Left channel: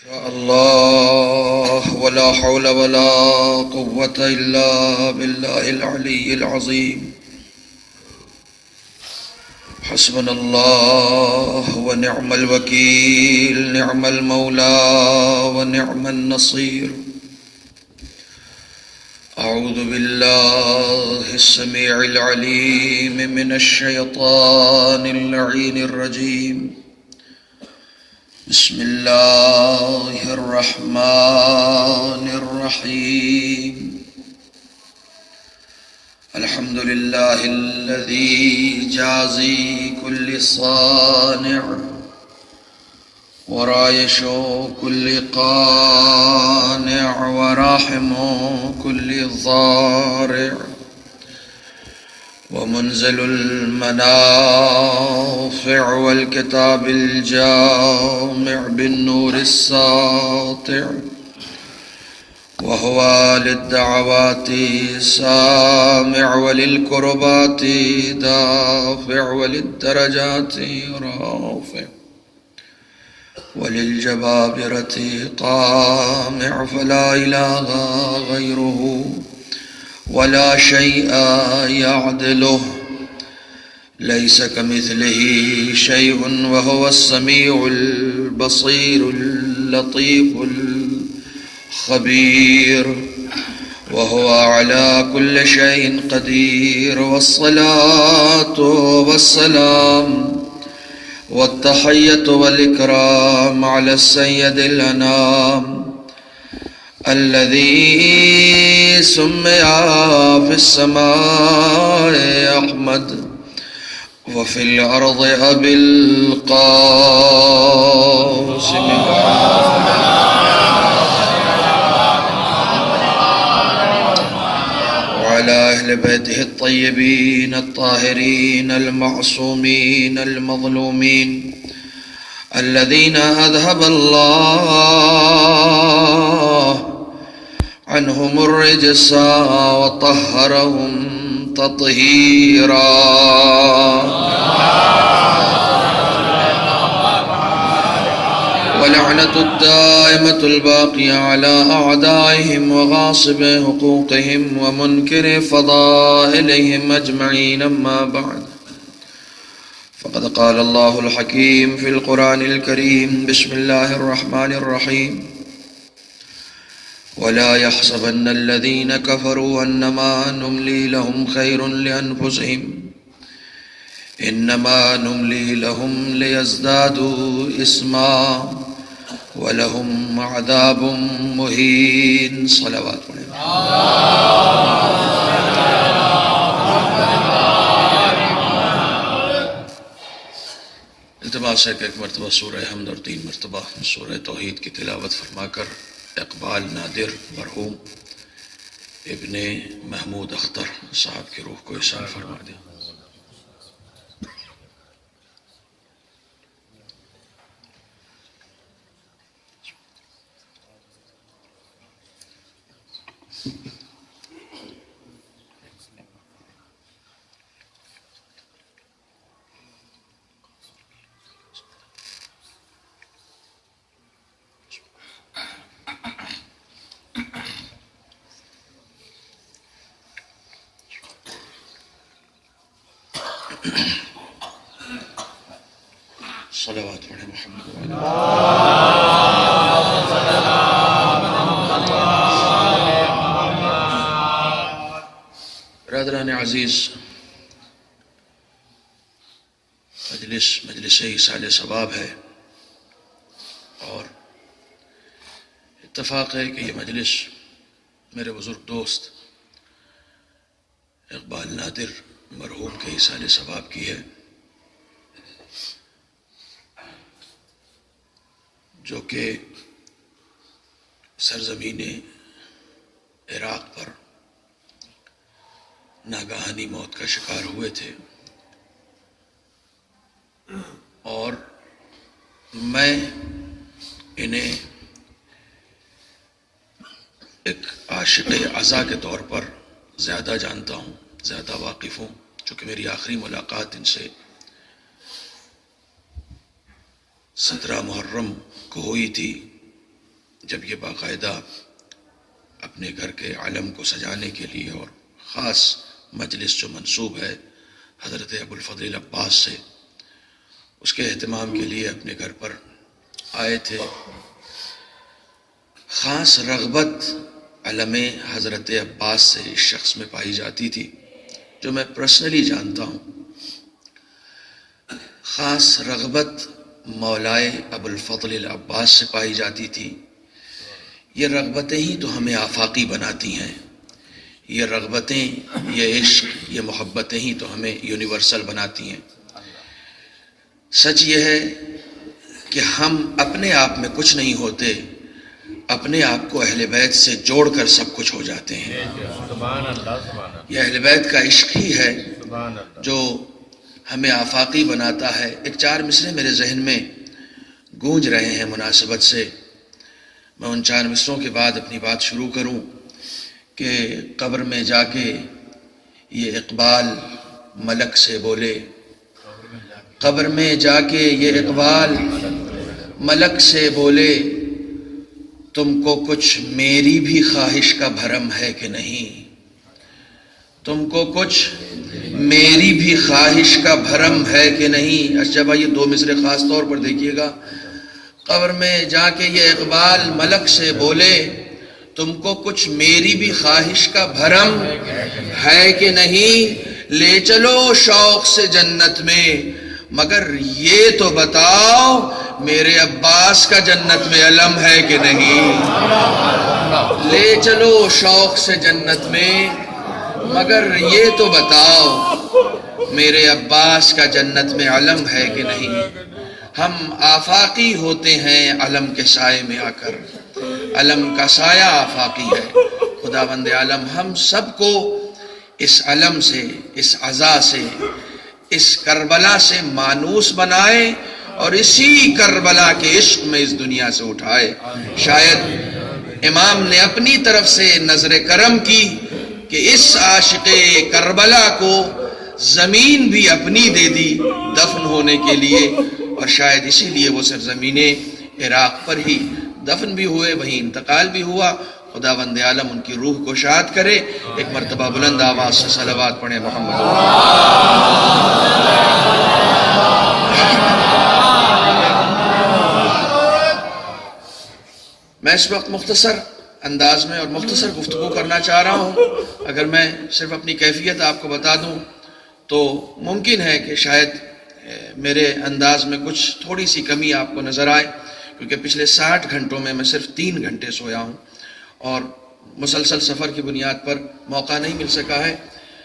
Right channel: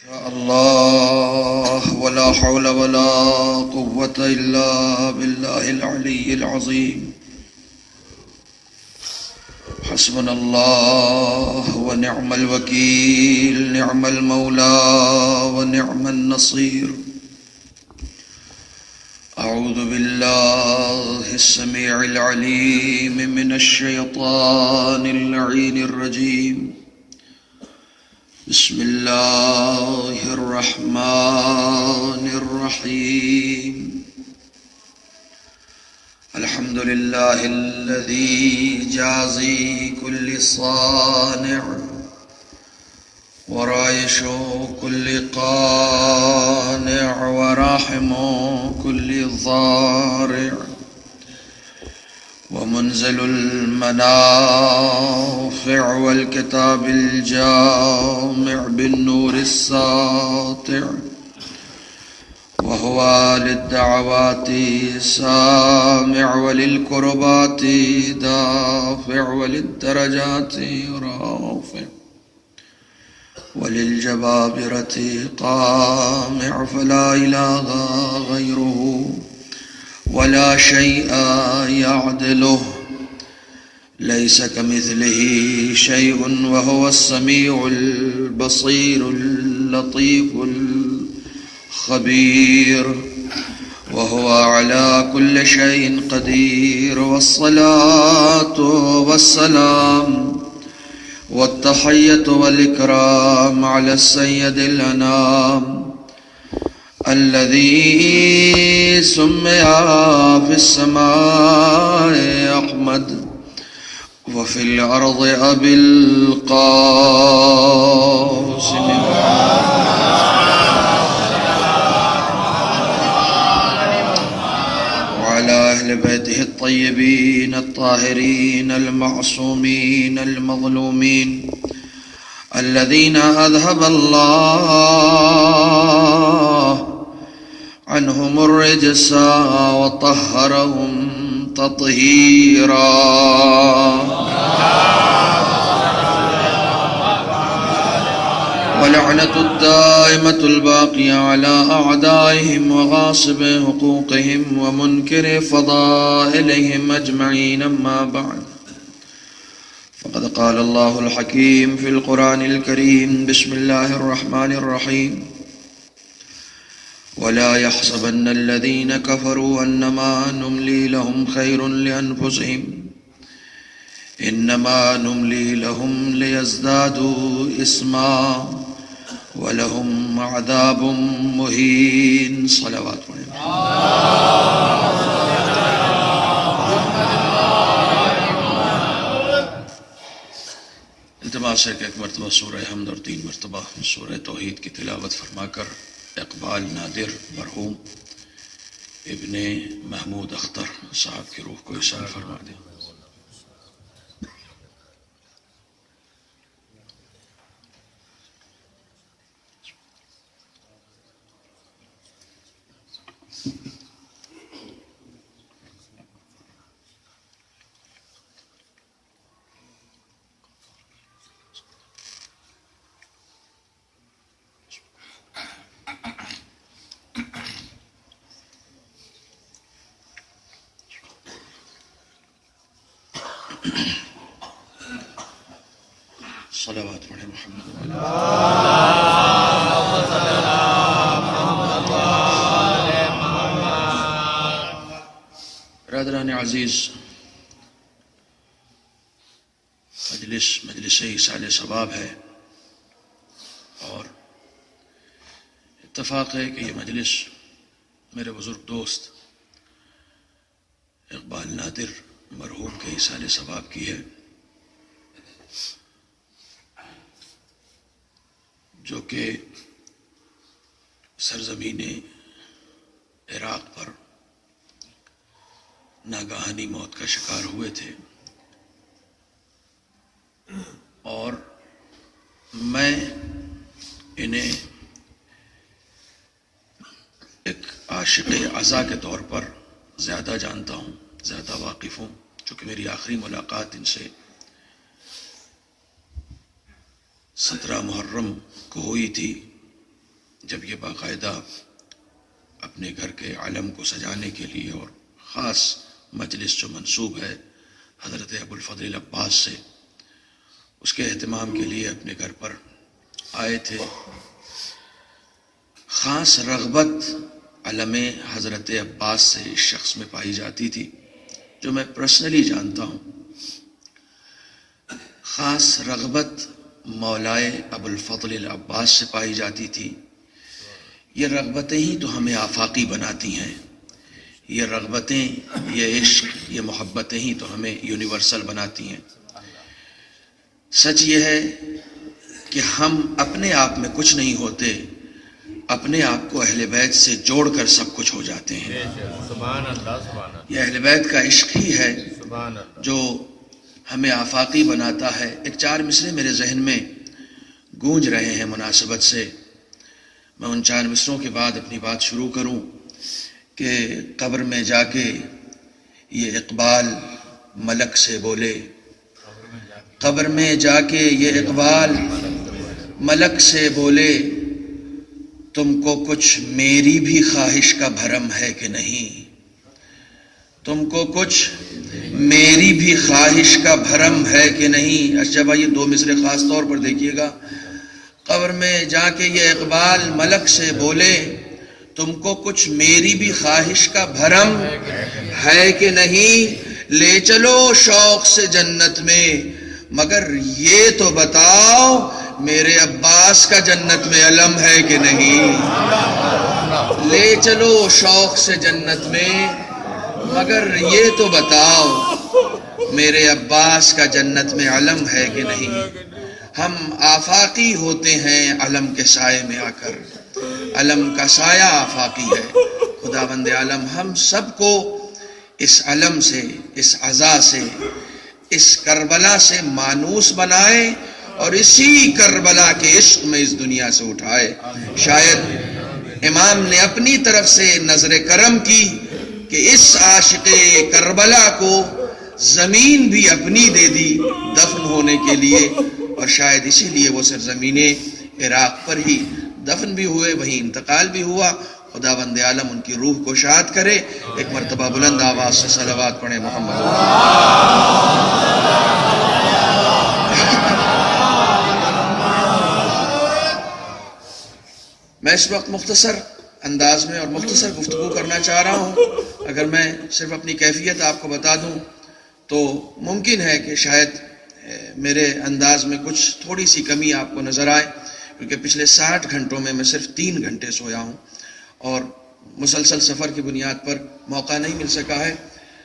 شاء الله ولا حول ولا قوة إلا بالله العلي العظيم. حسبنا الله ونعم الوكيل، نعم المولى ونعم النصير. أعوذ بالله السميع العليم من الشيطان اللعين الرجيم. بسم الله الرحمن الرحيم. الحمد لله الذي جازي كل صانع ورايش كل قانع وراحم كل ضارع ومنزل المنافع والكتاب الجامع بالنور الساطع، وهو للدعوات سامع وللكربات دافع وللدرجات رافع وللجبابرة طامع، فلا إله غيره ولا شيء يعدله، ليس كمثله شيء وهو السميع البصير اللطيف الخبير، وهو على كل شيء قدير. والصلاة والسلام والتحية والإكرام على السيد الأنام الذي سمي في السماء أحمد وفي الأرض أبي القاسم وعلى أهل بيته الطيبين الطاهرين المعصومين المظلومين الذين أذهب الله عنهم الرجس وطهرهم تطهيرا. ولعنة الدائمة الباقية على أعدائهم وغاصب حقوقهم ومنكر فضائلهم أجمعين. أما بعد، فقد قال الله الحكيم في القرآن الكريم: بسم الله الرحمن الرحيم. ولا يحسبن الذين كفروا أنما نملي لهم خير لأنفسهم إنما نملي لهم ليزدادوا إثما ولهم عذاب مهين. صلوات التماس ہے کہ ایک مرتبہ سورہ حمد اور 3 مرتبہ سورہ توحید کی تلاوت فرما کر اقبال نادر مرحوم ابن محمود اختر صاحب کی روح کو احسان فرما دیں. صلوات علی محمد. برادران عزیز، مجلس ایصال ثواب ہے اور اتفاق ہے کہ یہ مجلس میرے بزرگ دوست اقبال نادر مرحوم کے ایصال ثواب کی ہے، جو کہ سرزمین عراق پر ناگہانی موت کا شکار ہوئے تھے، اور میں انہیں ایک عاشق عزا کے طور پر زیادہ جانتا ہوں، زیادہ واقف ہوں، چونکہ میری آخری ملاقات ان سے 17 محرم کو ہوئی تھی جب یہ باقاعدہ اپنے گھر کے علم کو سجانے کے لیے اور خاص مجلس جو منسوب ہے حضرت ابو الفضل عباس سے، اس کے اہتمام کے لیے اپنے گھر پر آئے تھے، خاص رغبت علم حضرت عباس سے اس شخص میں پائی جاتی تھی، جو میں پرسنلی جانتا ہوں۔ خاص رغبت مولائے ابو الفضل العباس سے پائی جاتی تھی۔ یہ رغبتیں ہی تو ہمیں آفاقی بناتی ہیں، یہ رغبتیں، یہ عشق، یہ محبتیں ہی تو ہمیں یونیورسل بناتی ہیں۔ سچ یہ ہے کہ ہم اپنے آپ میں کچھ نہیں ہوتے، اپنے آپ کو اہل بیت سے جوڑ کر سب کچھ ہو جاتے ہیں۔ یہ اہل بیت کا عشق ہی ہے جو ہمیں آفاقی بناتا ہے۔ ایک 4 مصرے میرے ذہن میں گونج رہے ہیں مناسبت سے، میں ان 4 مصروں کے بعد اپنی بات شروع کروں کہ قبر میں جا کے یہ اقبال ملک سے بولے، قبر میں جا کے یہ اقبال ملک سے بولے، تم کو کچھ میری بھی خواہش کا بھرم ہے کہ نہیں، تم کو کچھ میری بھی خواہش کا بھرم ہے کہ نہیں۔ اچھا بھائی، یہ 2 مصرے خاص طور پر دیکھیے گا۔ قبر میں جا کے یہ اقبال ملک سے بولے، تم کو کچھ میری بھی خواہش کا بھرم ہے کہ نہیں، لے چلو شوق سے جنت میں، مگر یہ تو بتاؤ میرے عباس کا جنت میں علم ہے کہ نہیں۔ لے چلو شوق سے جنت میں، مگر یہ تو بتاؤ میرے عباس کا جنت میں علم ہے کہ نہیں۔ ہم آفاقی ہوتے ہیں علم کے سائے میں آ کر، علم کا سایہ آفاقی ہے۔ خداوند عالم ہم سب کو اس علم سے، اس عزا سے، اس کربلا سے مانوس بنائے اور اسی کربلا کے عشق میں اس دنیا سے اٹھائے۔ شاید امام نے اپنی طرف سے نظر کرم کی کہ اس عاشق کربلا کو زمین بھی اپنی دے دی دفن ہونے کے لیے، اور شاید اسی لیے وہ سرزمین عراق پر ہی دفن بھی ہوئے، وہیں انتقال بھی ہوا۔ خداوند عالم ان کی روح کو شاد کرے۔ ایک مرتبہ بلند آواز سے صلوات پڑھیں محمد۔ میں اس وقت مختصر انداز میں اور مختصر گفتگو کرنا چاہ رہا ہوں۔ اگر میں صرف اپنی کیفیت آپ کو بتا دوں تو ممکن ہے کہ شاید میرے انداز میں کچھ تھوڑی سی کمی آپ کو نظر آئے، کیونکہ پچھلے 60 گھنٹوں میں میں صرف 3 گھنٹے سویا ہوں اور مسلسل سفر کی بنیاد پر موقع نہیں مل سکا ہے۔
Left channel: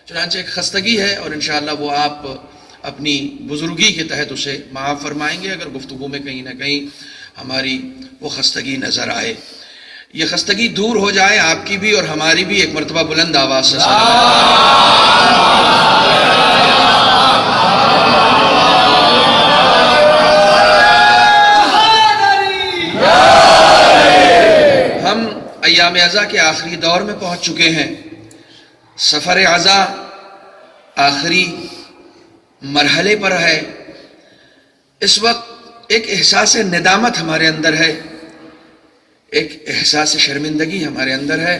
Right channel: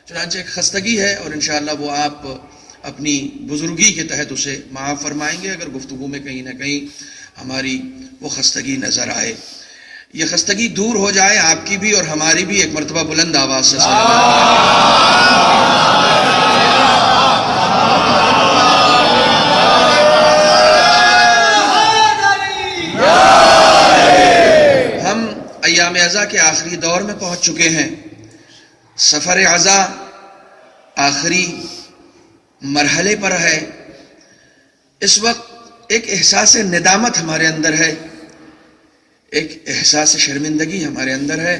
چنانچہ ایک خستگی ہے اور انشاءاللہ وہ آپ اپنی بزرگی کے تحت اسے معاف فرمائیں گے اگر گفتگو میں کہیں نہ کہیں ہماری وہ خستگی نظر آئے۔ یہ خستگی دور ہو جائے آپ کی بھی اور ہماری بھی۔ ایک مرتبہ بلند آواز سے ہم ایام عزا کے آخری دور میں پہنچ چکے ہیں۔ سفر عزا آخری مرحلے پر ہے۔ اس وقت ایک احساس ندامت ہمارے اندر ہے، ایک احساس شرمندگی ہمارے اندر ہے،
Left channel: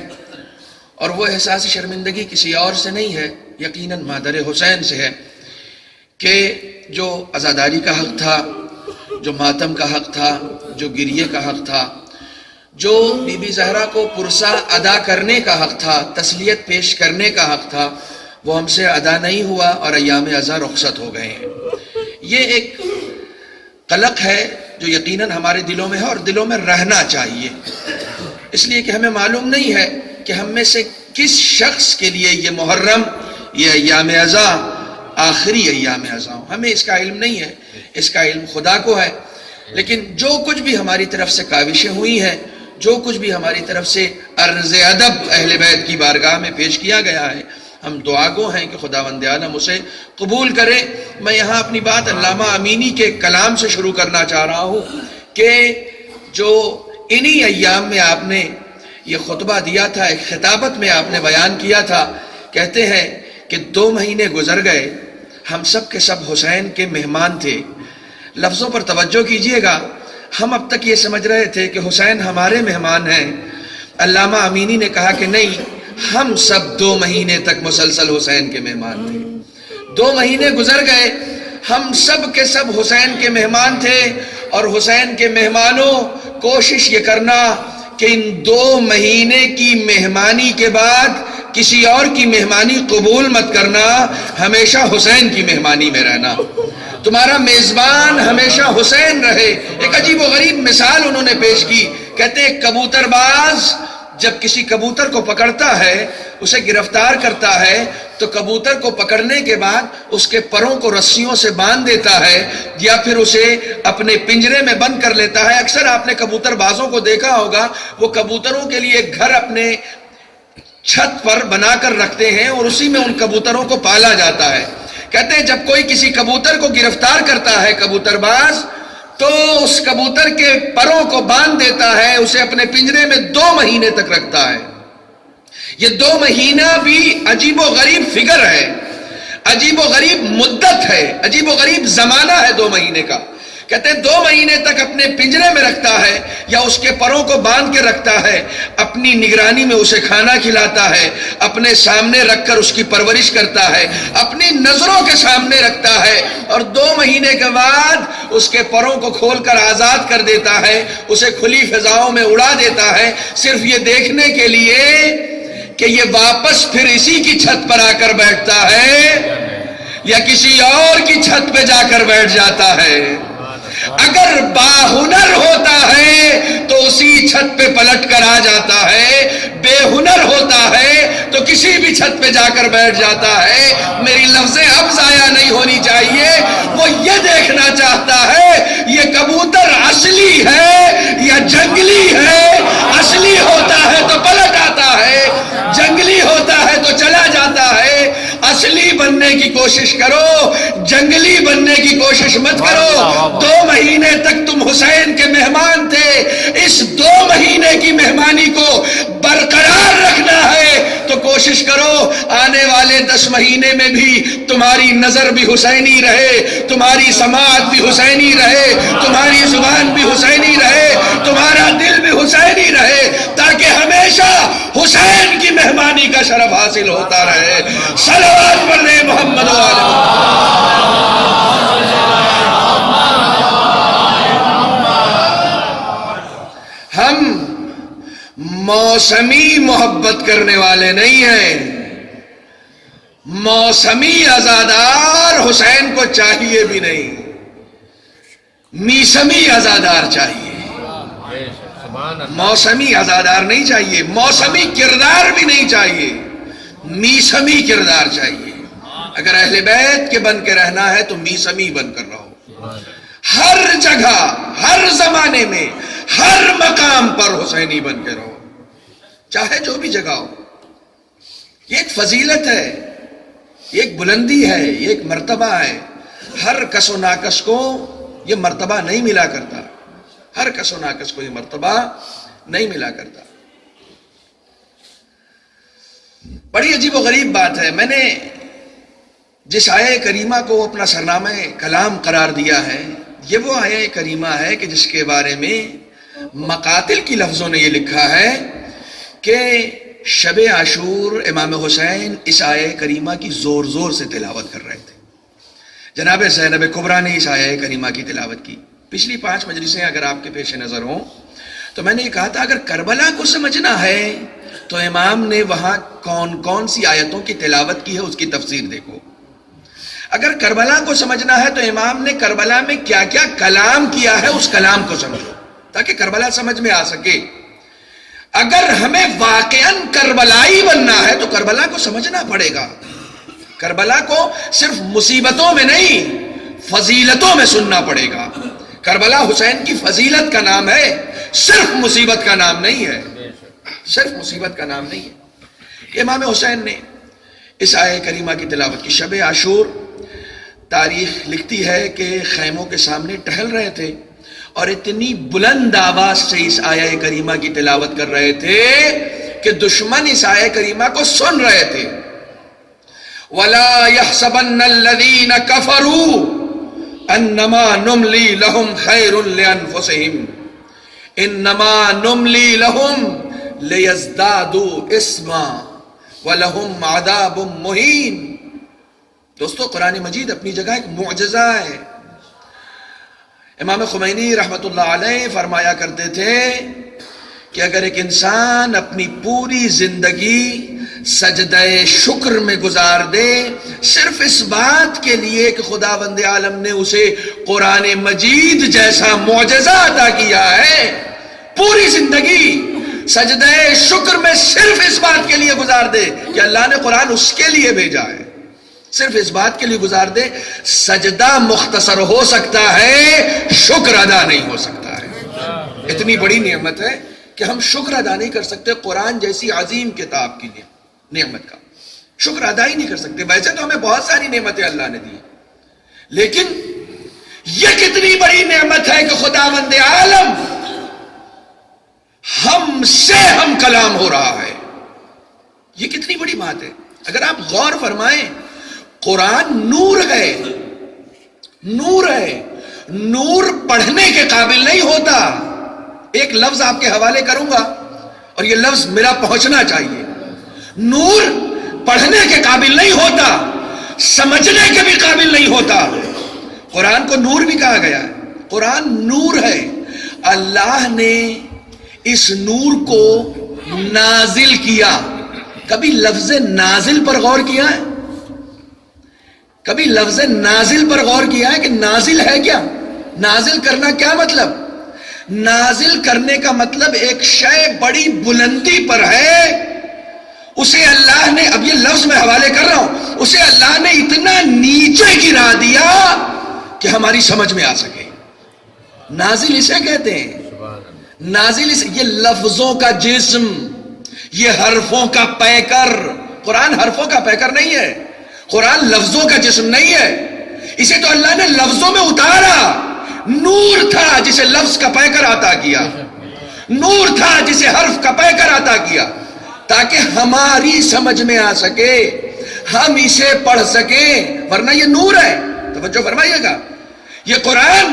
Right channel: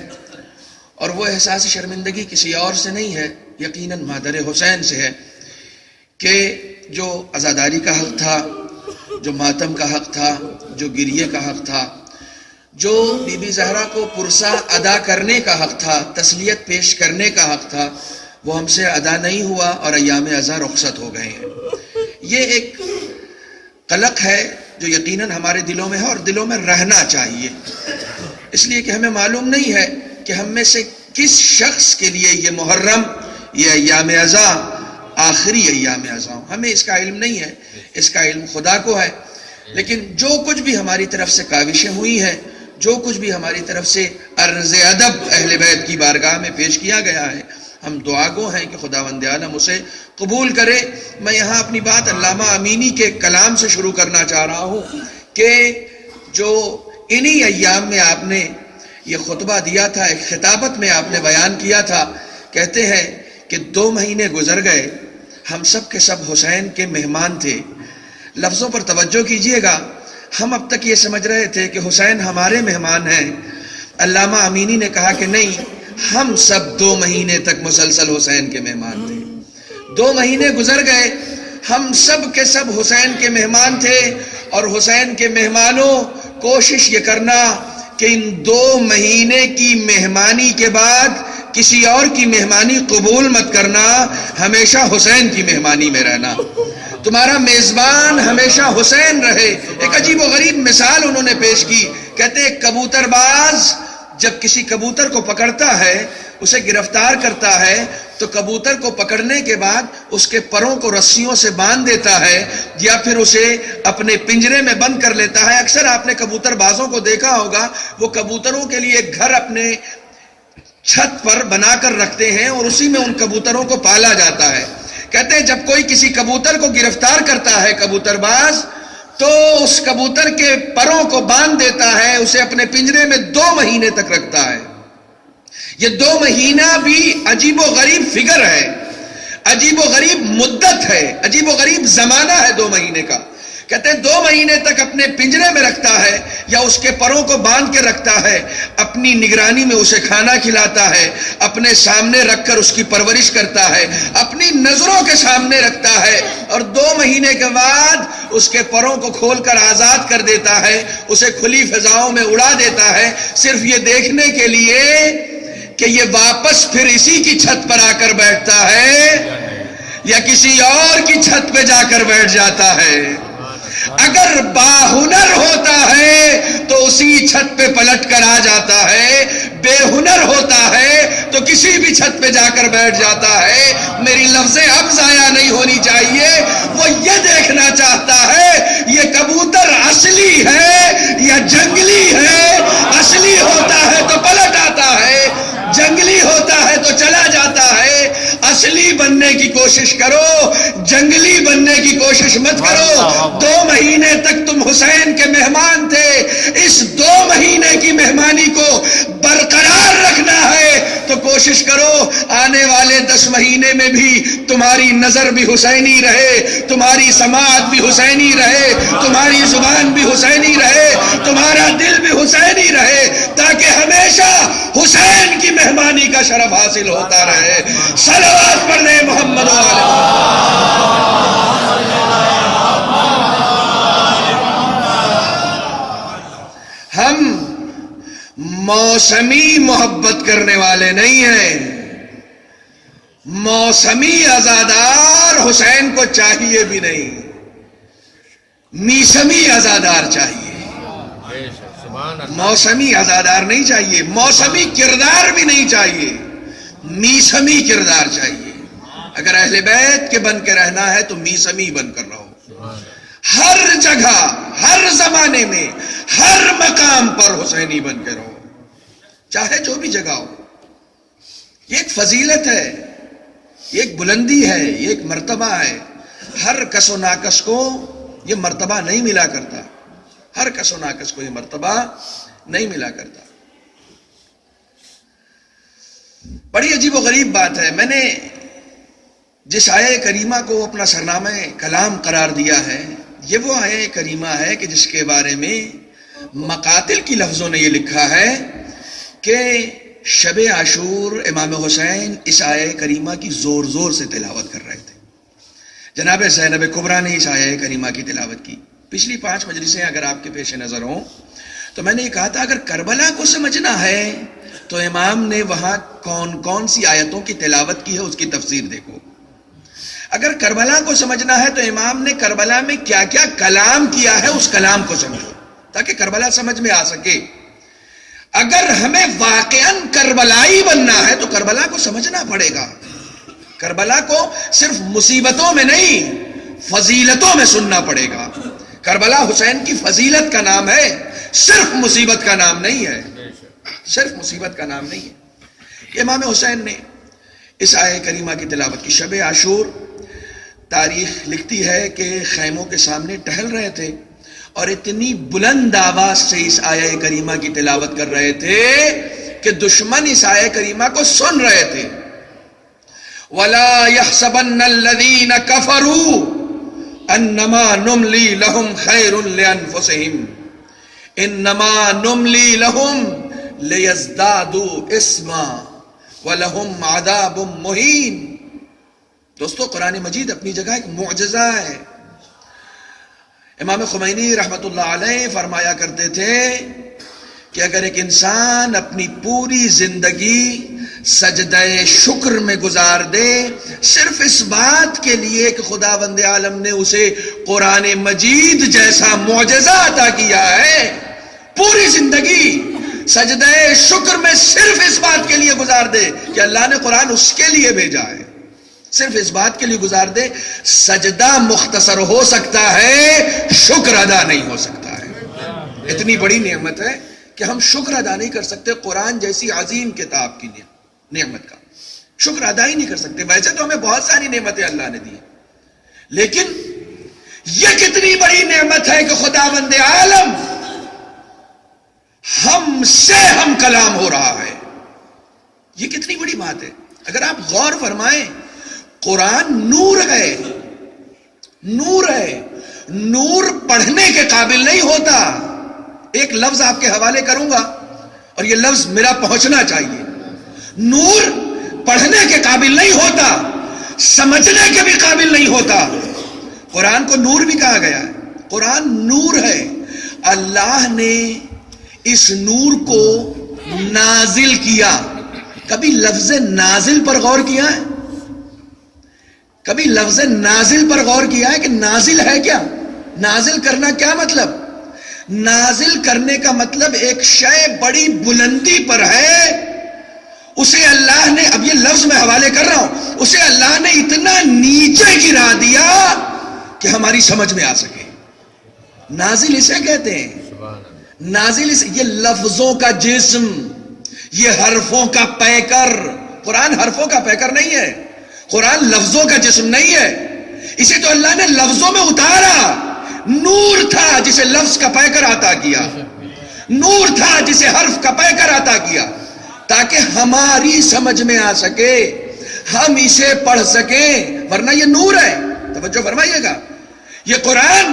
اور وہ احساس شرمندگی کسی اور سے نہیں ہے، یقیناً مادر حسین سے ہے کہ جو عزاداری کا حق تھا، جو ماتم کا حق تھا، جو گریے کا حق تھا، جو بی بی زہرا کو پرسا ادا کرنے کا حق تھا، تسلیت پیش کرنے کا حق تھا، وہ ہم سے ادا نہیں ہوا اور ایام عزا رخصت ہو گئے ہیں۔ یہ ایک قلق ہے جو یقیناً ہمارے دلوں میں ہے اور دلوں میں رہنا چاہیے، اس لیے کہ ہمیں معلوم نہیں ہے کہ ہم میں سے کس شخص کے لیے یہ محرم، یہ ایام عزا آخری ایام عزا ہوں۔ ہمیں اس کا علم نہیں ہے، اس کا علم خدا کو ہے۔ لیکن جو کچھ بھی ہماری طرف سے کاوشیں ہوئی ہیں، جو کچھ بھی ہماری طرف سے عرض ادب اہل بیت کی بارگاہ میں پیش کیا گیا ہے، ہم دعا گو ہیں کہ خداوند عالم اسے قبول کرے۔ میں یہاں اپنی بات علامہ امینی کے کلام سے شروع کرنا چاہ رہا ہوں کہ جو انہی ایام میں آپ نے یہ خطبہ دیا تھا، ایک خطابت میں آپ نے بیان کیا تھا، کہتے ہیں کہ 2 مہینے گزر گئے، ہم سب کے سب حسین کے مہمان تھے۔ لفظوں پر توجہ کیجئے گا، ہم اب تک یہ سمجھ رہے تھے کہ حسین ہمارے مہمان ہیں. علامہ امینی نے کہا کہ نہیں، ہم سب 2 مہینے تک مسلسل حسین کے مہمان تھے. 2 مہینے گزر گئے، ہم سب کے سب حسین کے مہمان تھے. اور حسین کے مہمانوں، کوشش یہ کرنا کہ ان 2 مہینے کی مہمانی کے بعد کسی اور کی مہمانی قبول مت کرنا، ہمیشہ حسین کی مہمانی میں رہنا. تمہارا میزبان ہمیشہ حسین رہے. ایک عجیب و غریب مثال انہوں نے پیش کی. کہتے ہیں کبوتر باز جب کسی کبوتر کو پکڑتا ہے، اسے گرفتار کرتا ہے، تو کبوتر کو پکڑنے کے بعد اس کے پروں کو رسیوں سے باندھ دیتا ہے یا پھر اسے اپنے پنجرے میں بند کر لیتا ہے. اکثر آپ نے کبوتر بازوں کو دیکھا ہوگا، وہ کبوتروں کے لیے ایک گھر اپنے چھت پر بنا کر رکھتے ہیں اور اسی میں ان کبوتروں کو پالا جاتا ہے. کہتے ہیں جب کوئی کسی کبوتر کو گرفتار کرتا ہے کبوتر باز، تو اس کبوتر کے پروں کو باندھ دیتا ہے، اسے اپنے پنجرے میں 2 مہینے تک رکھتا ہے. یہ 2 مہینہ بھی عجیب و غریب فگر ہے، عجیب و غریب مدت ہے، عجیب و غریب زمانہ ہے 2 مہینے کا. کہتے ہیں 2 مہینے تک اپنے پنجرے میں رکھتا ہے یا اس کے پروں کو باندھ کے رکھتا ہے، اپنی نگرانی میں اسے کھانا کھلاتا ہے، اپنے سامنے رکھ کر اس کی پرورش کرتا ہے، اپنی نظروں کے سامنے رکھتا ہے، اور 2 مہینے کے بعد اس کے پروں کو کھول کر آزاد کر دیتا ہے، اسے کھلی فضاؤں میں اڑا دیتا ہے، صرف یہ دیکھنے کے لیے کہ یہ واپس پھر اسی کی چھت پر آ کر بیٹھتا ہے یا کسی اور کی چھت پہ جا کر بیٹھ جاتا ہے. اگر باہنر ہوتا ہے تو اسی چھت پہ پلٹ کر آ جاتا ہے، بے ہنر ہوتا ہے تو کسی بھی چھت پہ جا کر بیٹھ جاتا ہے. میری لفظیں اب ضائع نہیں ہونی چاہیے. وہ یہ دیکھنا چاہتا ہے یہ کبوتر اصلی ہے یا جنگلی ہے. اصلی ہوتا ہے تو پلٹ آتا ہے، جنگلی ہوتا ہے تو چلا جاتا ہے. اصلی بننے کی کوشش کرو، جنگلی بننے کی کوشش مت کرو. 2 مہینے تک تم حسین کے مہمان تھے. اس 2 مہینے کی مہمانی کو برقرار رکھنا ہے تو کوشش کرو آنے والے 10 مہینے میں بھی تمہاری نظر بھی حسینی رہے، تمہاری سماعت بھی حسینی رہے، تمہاری زبان بھی حسینی رہے، تمہارا دل بھی حسینی رہے، تاکہ ہمیشہ حسین کی مہمانی کا شرف حاصل ہوتا رہے. صلوات پڑھنے محمد و آل محمد. ہم موسمی محبت کرنے والے نہیں ہیں، موسمی عزادار حسین کو چاہیے بھی نہیں، میسمی عزادار چاہیے. موسمی عزادار نہیں چاہیے، موسمی کردار بھی نہیں چاہیے، میسمی کردار چاہیے. اگر اہل بیت کے بن کے رہنا ہے تو میسمی بن کر رہو. ہر جگہ، ہر زمانے میں، ہر مقام پر حسینی بن کے رہو، چاہے جو بھی جگہ ہو. یہ ایک فضیلت ہے، یہ ایک بلندی ہے، یہ ایک مرتبہ ہے. ہر کس و ناکس کو یہ مرتبہ نہیں ملا کرتا، ہر کس و ناکس کو یہ مرتبہ نہیں ملا کرتا. بڑی عجیب و غریب بات ہے، میں نے جس آیہ کریمہ کو اپنا سرنامہ کلام قرار دیا ہے، یہ وہ آیہ کریمہ ہے کہ جس کے بارے میں مقاتل کی لفظوں نے یہ لکھا ہے کہ شب عاشور امام حسین اس آیہ کریمہ کی زور زور سے تلاوت کر رہے تھے. جناب زینب کبریٰ نے اس آیہ کریمہ کی تلاوت کی. پچھلی 5 مجلسیں اگر آپ کے پیش نظر ہوں تو میں نے یہ کہا تھا اگر کربلا کو سمجھنا ہے تو امام نے وہاں کون کون سی آیتوں کی تلاوت کی ہے اس کی تفسیر دیکھو. اگر کربلا کو سمجھنا ہے تو امام نے کربلا میں کیا کیا کلام کیا ہے اس کلام کو سمجھو تاکہ کربلا سمجھ میں آ سکے. اگر ہمیں واقعاً کربلائی بننا ہے تو کربلا کو سمجھنا پڑے گا. کربلا کو صرف مصیبتوں میں نہیں فضیلتوں میں سننا پڑے گا. کربلا حسین کی فضیلت کا نام ہے، صرف مصیبت کا نام نہیں ہے، صرف مصیبت کا نام نہیں ہے. امام حسین نے اس آیہ کریمہ کی تلاوت کی. شب عاشور تاریخ لکھتی ہے کہ خیموں کے سامنے ٹہل رہے تھے اور اتنی بلند آواز سے اس آیہ کریمہ کی تلاوت کر رہے تھے کہ دشمن اس آیہ کریمہ کو سن رہے تھے. وَلَا يَحْسَبَنَّ الَّذِينَ كَفَرُوا انما نملی لہم خیر لانفسہم انما نملی لہم لیزدادوا اسما ولہم عذاب مہین. دوستو قرآن مجید اپنی جگہ ایک معجزہ ہے. امام خمینی رحمت اللہ علیہ فرمایا کرتے تھے کہ اگر ایک انسان اپنی پوری زندگی سجدہ شکر میں گزار دے صرف اس بات کے لیے کہ خداوند عالم نے اسے قرآن مجید جیسا معجزہ عطا کیا ہے، پوری زندگی سجدہ شکر میں صرف اس بات کے لیے گزار دے کہ اللہ نے قرآن اس کے لیے بھیجا ہے، صرف اس بات کے لیے گزار دے، سجدہ مختصر ہو سکتا ہے، شکر ادا نہیں ہو سکتا ہے. اتنی بڑی نعمت ہے کہ ہم شکر ادا نہیں کر سکتے قرآن جیسی عظیم کتاب کی نعمت کا شکر ادا ہی نہیں کر سکتے. ویسے تو ہمیں بہت ساری نعمتیں اللہ نے دی، لیکن یہ کتنی بڑی نعمت ہے کہ خداوند عالم ہم سے ہم کلام ہو رہا ہے. یہ کتنی بڑی بات ہے. اگر آپ غور فرمائیں، قرآن نور ہے، نور ہے. نور پڑھنے کے قابل نہیں ہوتا. ایک لفظ آپ کے حوالے کروں گا اور یہ لفظ میرا پہنچنا چاہیے. نور پڑھنے کے قابل نہیں ہوتا، سمجھنے کے بھی قابل نہیں ہوتا. قرآن کو نور بھی کہا گیا ہے. قرآن نور ہے. اللہ نے اس نور کو نازل کیا. کبھی لفظ نازل پر غور کیا ہے؟ کبھی لفظ نازل پر غور کیا ہے کہ نازل ہے کیا؟ نازل کرنا کیا مطلب؟ نازل کرنے کا مطلب ایک شے بڑی بلندی پر ہے، اسے اللہ نے، اب یہ لفظ میں حوالے کر رہا ہوں، اسے اللہ نے اتنا نیچے گرا دیا کہ ہماری سمجھ میں آ سکے. نازل اسے کہتے ہیں. نازل یہ لفظوں کا جسم، یہ حرفوں کا پیکر. قرآن حرفوں کا پیکر نہیں ہے، قرآن لفظوں کا جسم نہیں ہے. اسے تو اللہ نے لفظوں میں اتارا. نور تھا جسے لفظ کا پیکر عطا کیا، نور تھا جسے حرف کا پیکر عطا کیا، تاکہ ہماری سمجھ میں آ سکے، ہم اسے پڑھ سکیں. ورنہ یہ نور ہے. توجہ فرمائیے گا، یہ قرآن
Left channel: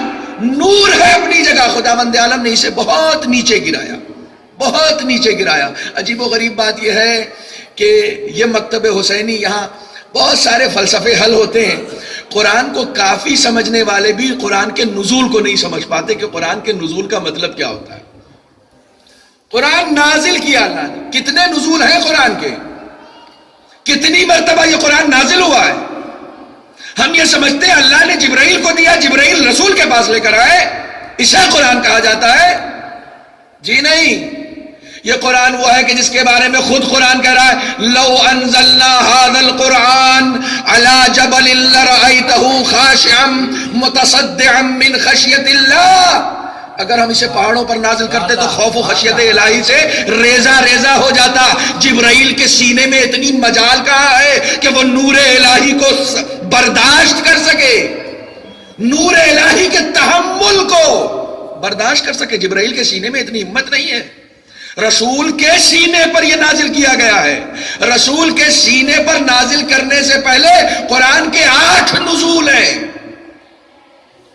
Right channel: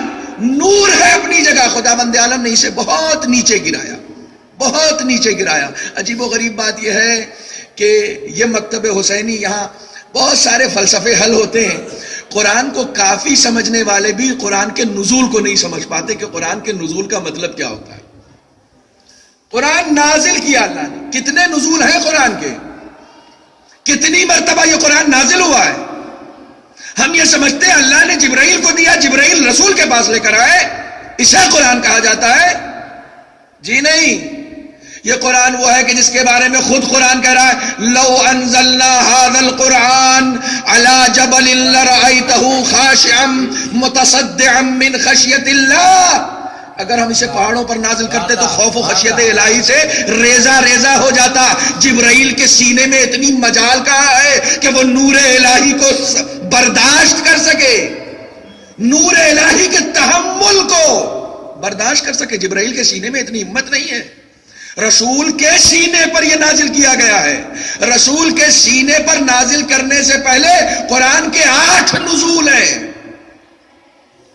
نور ہے اپنی جگہ. خداوند عالم نے اسے بہت نیچے گرایا، بہت نیچے گرایا. عجیب و غریب بات یہ ہے کہ یہ مکتب حسینی، یہاں بہت سارے فلسفے حل ہوتے ہیں. قرآن کو کافی سمجھنے والے بھی قرآن کے نزول کو نہیں سمجھ پاتے کہ قرآن کے نزول کا مطلب کیا ہوتا ہے. قرآن نازل کیا اللہ نے. کتنے نزول ہیں قرآن کے؟ کتنی مرتبہ یہ قرآن نازل ہوا ہے؟ ہم یہ سمجھتے ہیں اللہ نے جبرائیل کو دیا، جبرائیل رسول کے پاس لے کر آئے، اسے قرآن کہا جاتا ہے. جی نہیں، یہ قرآن وہ ہے کہ جس کے بارے میں خود قرآن کہہ رہا ہے لو انزلنا هذا القرآن على جبل لرأيته خاشعا متصدعا من خشية الله. اگر ہم اسے پہاڑوں پر نازل کرتے تو خوف و خشیت الہی سے ریزہ ریزہ ہو جاتا. جبرائیل کے سینے میں اتنی مجال کہاں ہے کہ وہ نور الہی کو برداشت کر سکے، نور الہی کے تحمل کو برداشت کر سکے. جبرائیل کے سینے میں اتنی ہمت نہیں ہے. رسول کے سینے پر یہ نازل کیا گیا ہے. رسول کے سینے پر نازل کرنے سے پہلے قرآن کے 8 نزول ہیں.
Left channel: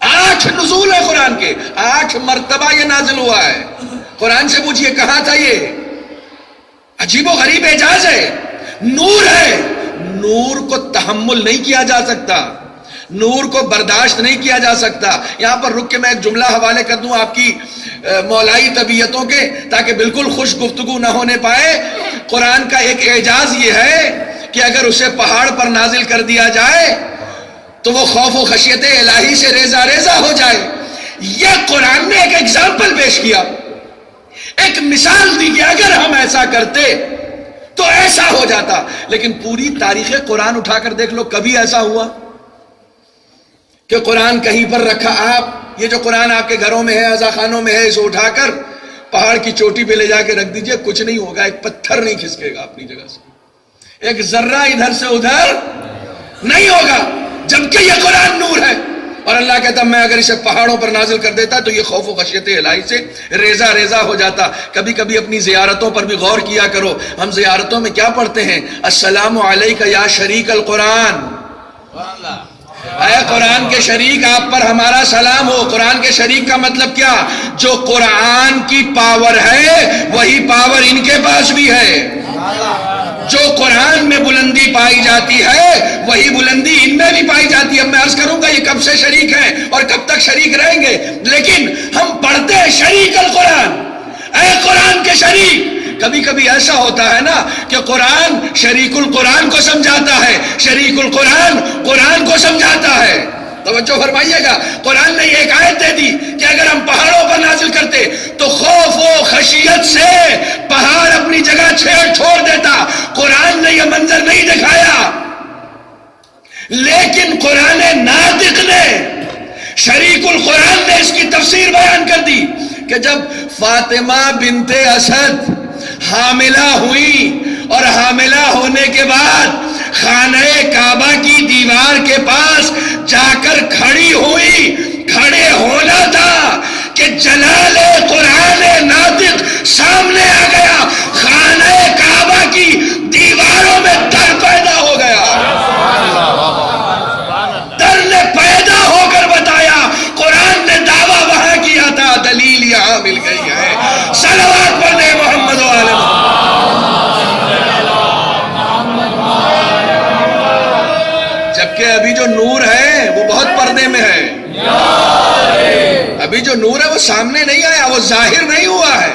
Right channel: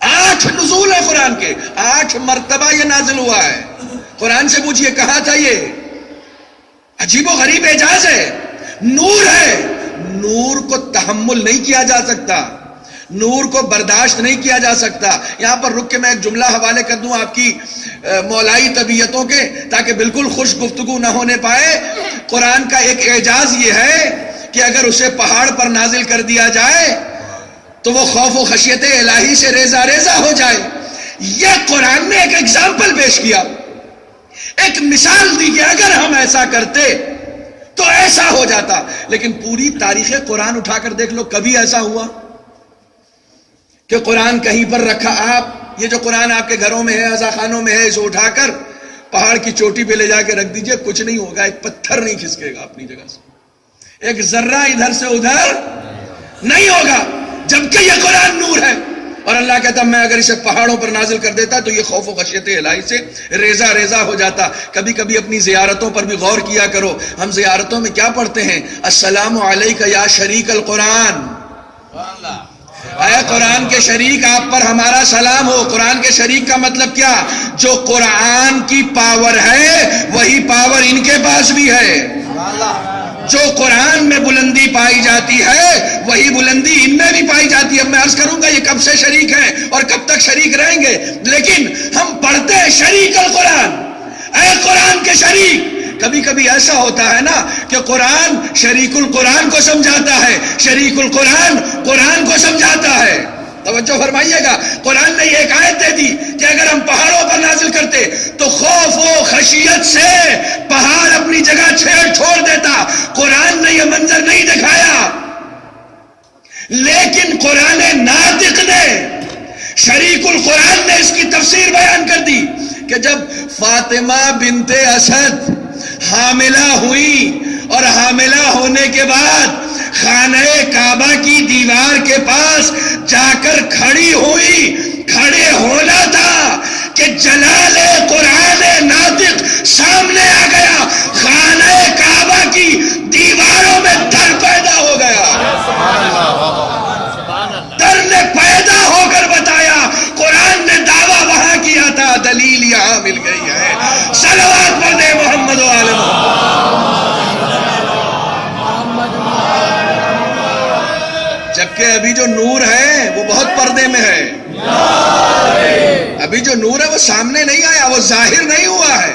8 نزول ہیں قرآن کے. 8 مرتبہ یہ نازل ہوا ہے. قرآن سے پوچھئے کہاں تھا یہ؟ عجیب و غریب اعجاز ہے. نور ہے. نور کو تحمل نہیں کیا جا سکتا، نور کو برداشت نہیں کیا جا سکتا. یہاں پر رک کے میں ایک جملہ حوالے کر دوں آپ کی مولائی طبیعتوں کے، تاکہ بالکل خوش گفتگو نہ ہونے پائے. قرآن کا ایک اعجاز یہ ہے کہ اگر اسے پہاڑ پر نازل کر دیا جائے تو وہ خوف و خشیت الہی سے ریزہ ریزہ ہو جائے. یہ قرآن نے ایک ایگزامپل پیش کیا، ایک مثال دی کہ اگر ہم ایسا کرتے تو ایسا ہو جاتا. لیکن پوری تاریخ قرآن اٹھا کر دیکھ لو، کبھی ایسا ہوا کہ قرآن کہیں پر رکھا؟ آپ یہ جو قرآن آپ کے گھروں میں ہے، عزا خانوں میں ہے، اسے اٹھا کر پہاڑ کی چوٹی پہ لے جا کے رکھ دیجئے، کچھ نہیں ہوگا. ایک پتھر نہیں کھسکے گا اپنی جگہ سے، ایک ذرہ ادھر سے ادھر نہیں ہوگا. جبکہ یہ قرآن نور ہے. اور اللہ کہتا میں اگر اسے پہاڑوں پر نازل کر دیتا تو یہ خوف و خشیت الہی سے ریزہ ریزہ ہو جاتا. کبھی کبھی اپنی زیارتوں پر بھی غور کیا کرو. ہم زیارتوں میں کیا پڑھتے ہیں؟ السلام علیک یا شریک القرآن. اے قرآن کے شریک آپ پر ہمارا سلام ہو. قرآن کے شریک کا مطلب کیا؟ جو قرآن کی پاور ہے وہی پاور ان کے پاس بھی ہے. جو قرآن میں بلندی پائی جاتی ہے وہی بلندی ان میں بھی پائی جاتی ہے. اب میں عرض کروں گا یہ کب سے شریک ہیں اور کب تک شریک رہیں گے، لیکن ہم پڑھتے ہیں شریک القرآن، اے قرآن کے شریک. کبھی کبھی ایسا ہوتا ہے نا کہ قرآن شریک القرآن کو سمجھاتا ہے، شریک القرآن قرآن کو سمجھاتا ہے. توجہ فرمائیے گا. قرآن نے ایک آیت دے دی کہ اگر ہم پہاڑوں پر نازل کرتے تو خوف و خشیت سے پہاڑ اپنی جگہ چھوڑ دیتا. قرآن نے یہ منظر نہیں دکھایا، لیکن قرآن ناطق نے، شریک القرآن نے اس کی تفسیر بیان کر دی کہ جب فاطمہ بنت اسد حاملہ ہوئی اور حاملہ ہونے کے بعد خانہ کعبہ کی دیوار کے پاس جا کر کھڑی ہوئی، کھڑے ہونا تھا کہ جلال قرآن ناطق سامنے آ گیا. خانہ کعبہ کی دیواروں میں در پیدا ہو گیا. در نے پیدا ہو کر بتایا. قرآن نے دعویٰ وہاں کیا تھا، دلیل یہاں مل گئی ہے. صلوات پڑھ دے محمد و آل محمد. جبکہ ابھی جو نور ہے وہ بہت پردے میں ہے. ابھی جو نور ہے وہ سامنے نہیں آیا، وہ ظاہر نہیں ہوا ہے،